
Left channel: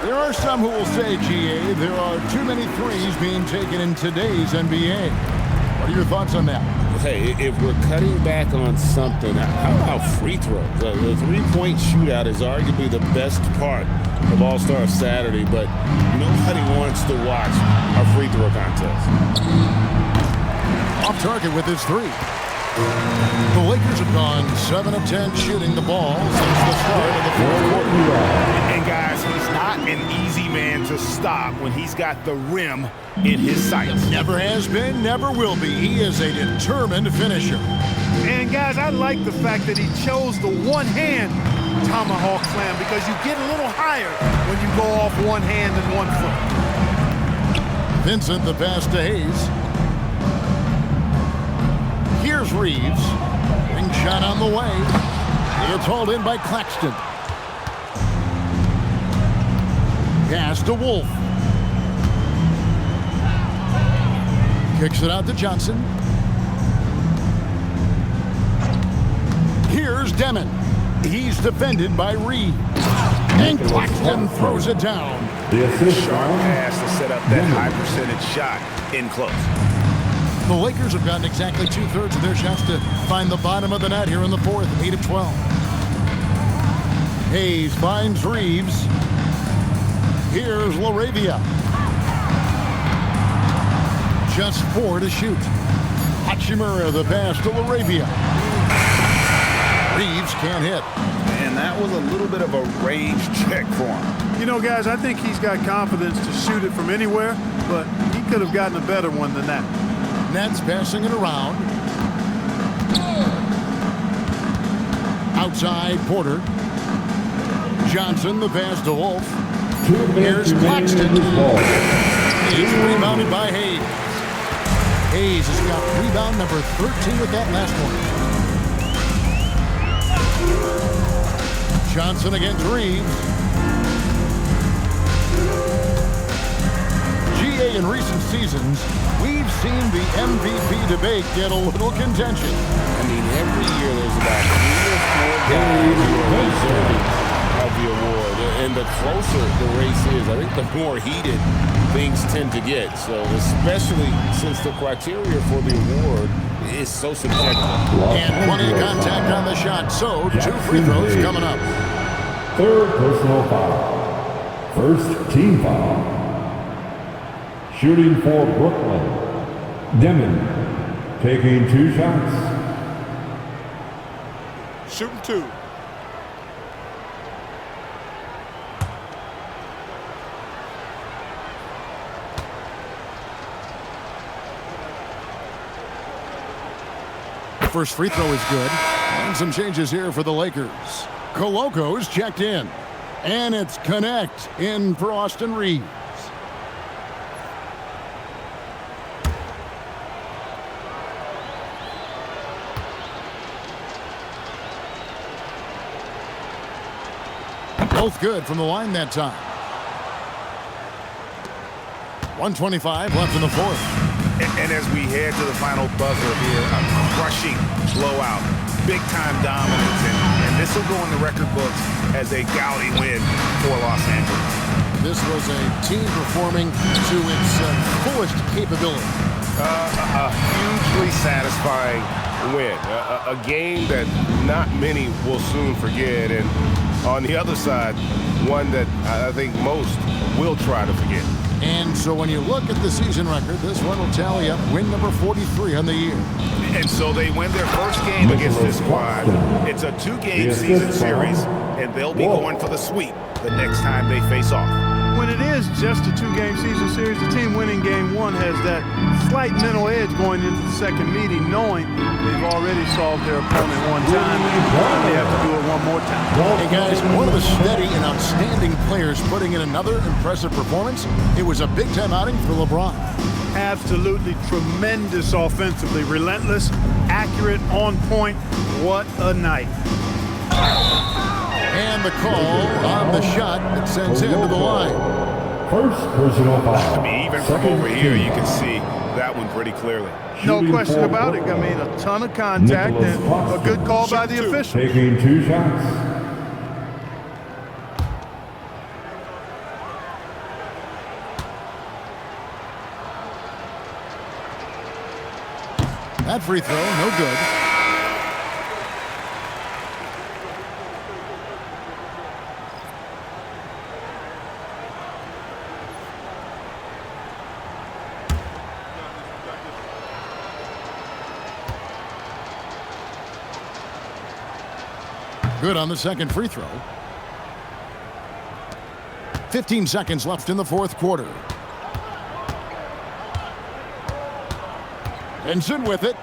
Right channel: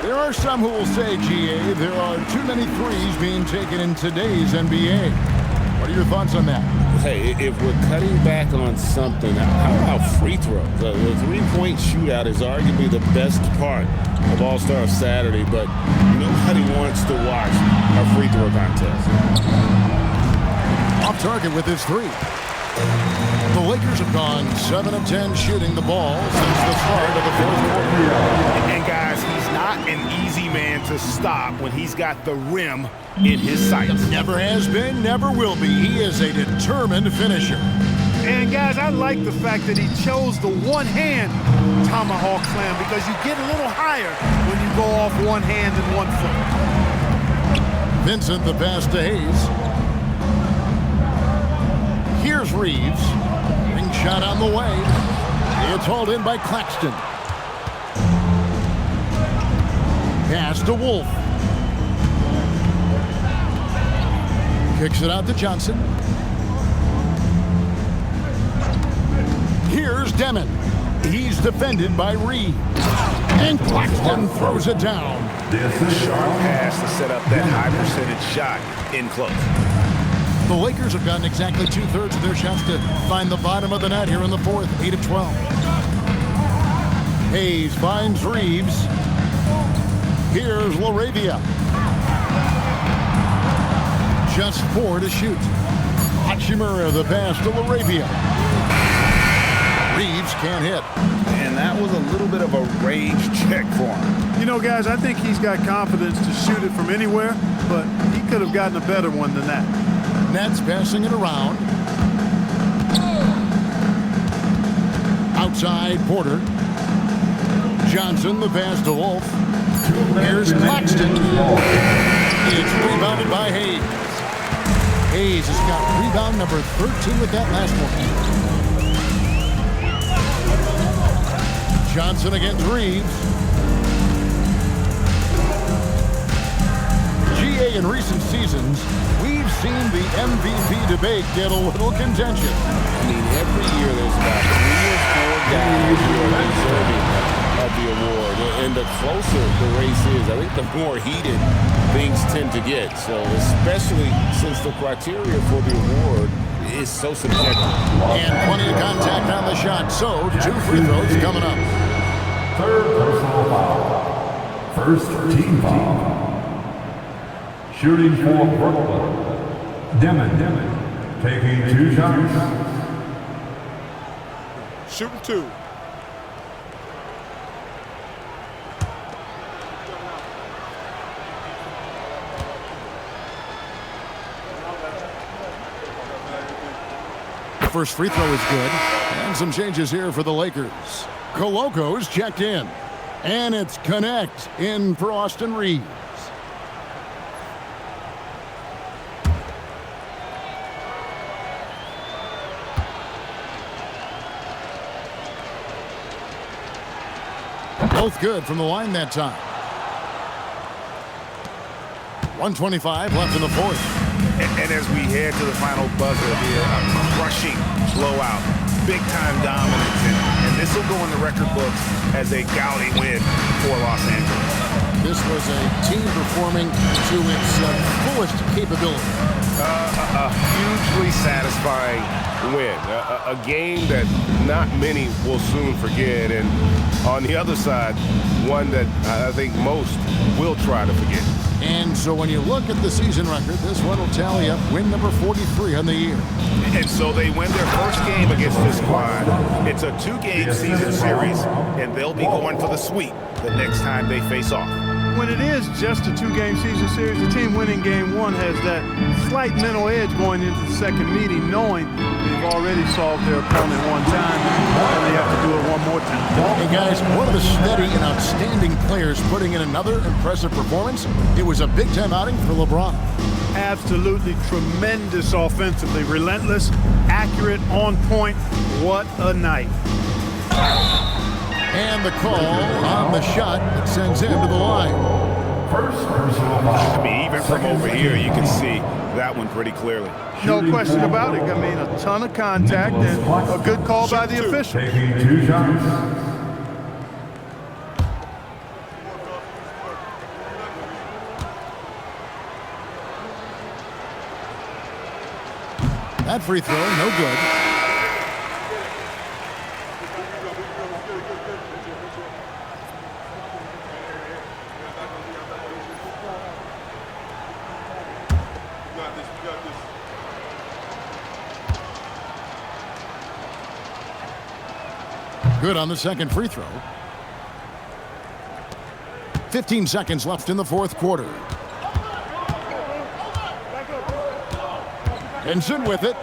There are some who will say, GA, there are too many threes being taken in today's NBA. What are your thoughts on that? Hey, if we're cutting back on something, how about free throws? The three-point shootout is arguably the best part of All-Star Saturday, but nobody wants to watch a free throw contest. Off target with his three. The Lakers have gone 7 of 10 shooting the ball since the start of the fourth quarter. And guys, he's not an easy man to stop when he's got the rim in his sights. Never has been, never will be. He is a determined finisher. And guys, I like the fact that he chose the one-hand tomahawk slam because you get a little higher when you go off one hand and 1 foot. Vincent, the pass to Hayes. Here's Reeves. Ring shot on the way. It's hauled in by Claxton. Pass to Wolf. Kicks it out to Johnson. Here's Demon. He's defended by Reeves. And Claxton throws it down. Sharp pass to set up that high percentage shot in close. The Lakers have gotten exactly 2/3 of their shots to find the bottom of the net here in the fourth, 8 of 12. Hayes finds Reeves. Here's LaRavia. Just 4 to shoot. Hachimura the pass to LaRavia. Reeves can't hit. And that was a little bit of a range check for him. You know, guys, I think he's got confidence to shoot it from anywhere, but he could have gotten a better one than that. Nets passing it around. Outside, Porter. Johnson, the pass to Wolf. Here's Claxton. It's rebounded by Hayes. Hayes has got rebound number 13 with that last one. Johnson against Reeves. GA in recent seasons, we've seen the MVP debate get a little contentious. I mean, every year there's about 3 or 4 guys who are deserving of the award. And the closer the race is, I think the more heated things tend to get. So especially since the criteria for the award is so subjective. And plenty of contact on the shot. So 2 free throws coming up. Third personal foul. First team foul. Shooting for Brooklyn. Demon taking 2 shots. Shooting 2. First free throw is good. And some changes here for the Lakers. Coloco's checked in. And it's Connect in for Austin Reeves. Both good from the line that time. 1:25 left in the fourth. And as we head to the final buzzer here, a crushing blowout, big-time dominance, and this will go in the record books as a gaudy win for Los Angeles. This was a team performing to its fullest capability. A hugely satisfying win, a game that not many will soon forget, and on the other side, one that I think most will try to forget. And so when you look at the season record, this one will tally up win number 43 on the year. And so they win their first game against this squad. It's a 2-game season series, and they'll be going for the sweep the next time they face off. When it is just a 2-game season series, the team winning game 1 has that slight mental edge going into the second meeting, knowing they've already solved their opponent one time and they have to do it one more time. Hey guys, one of the steady and outstanding players putting in another impressive performance. It was a big-time outing for LeBron. Absolutely tremendous offensively, relentless, accurate, on point. What a night. And the call on the shot that sends him to the line. First personal foul. I mean, even from over here, you can see that one pretty clearly. No question about it. I mean, a ton of contact and a good call by the official. Taking 2 shots. That free throw, no good. Good on the second free throw. 15 seconds left in the fourth quarter. Benson with it.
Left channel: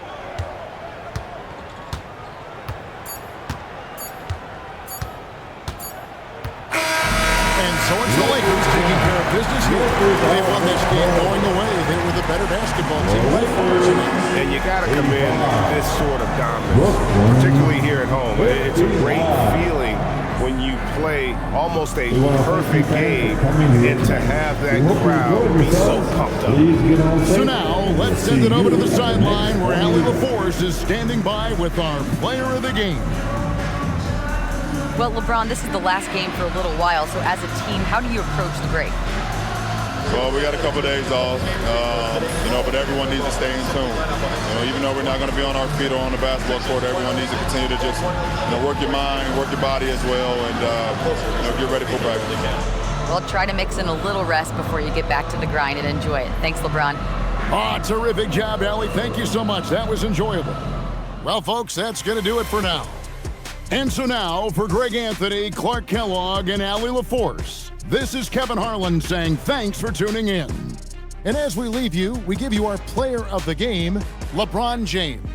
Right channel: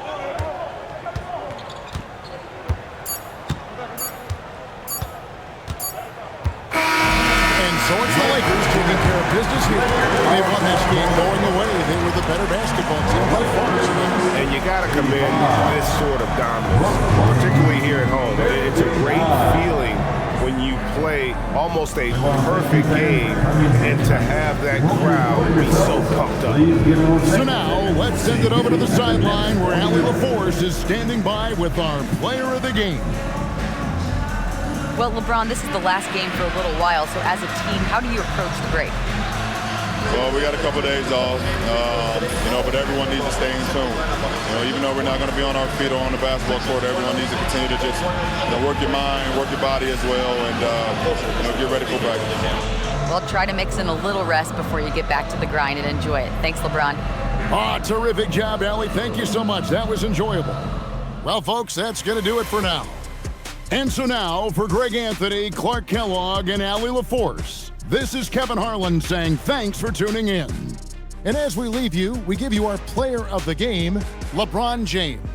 And so it's the Lakers taking care of business here. They won this game going away. They were the better basketball team by far tonight. And you got to commend this sort of dominance, particularly here at home. It's a great feeling when you play almost a perfect game and to have that crowd be so pumped up. So now let's send it over to the sideline where Allie LaForce is standing by with our player of the game. Well, LeBron, this is the last game for a little while, so as a team, how do you approach the break? Well, we got a couple of days off, but everyone needs to stay in tune. Even though we're not going to be on our feet or on the basketball court, everyone needs to continue to just work your mind, work your body as well, and get ready for practice. Well, try to mix in a little rest before you get back to the grind and enjoy it. Thanks, LeBron. Terrific job, Allie. Thank you so much. That was enjoyable. Well, folks, that's going to do it for now. And so now, for Greg Anthony, Clark Kellogg, and Allie LaForce, this is Kevin Harlan saying thanks for tuning in. And as we leave you, we give you our player of the game, LeBron James.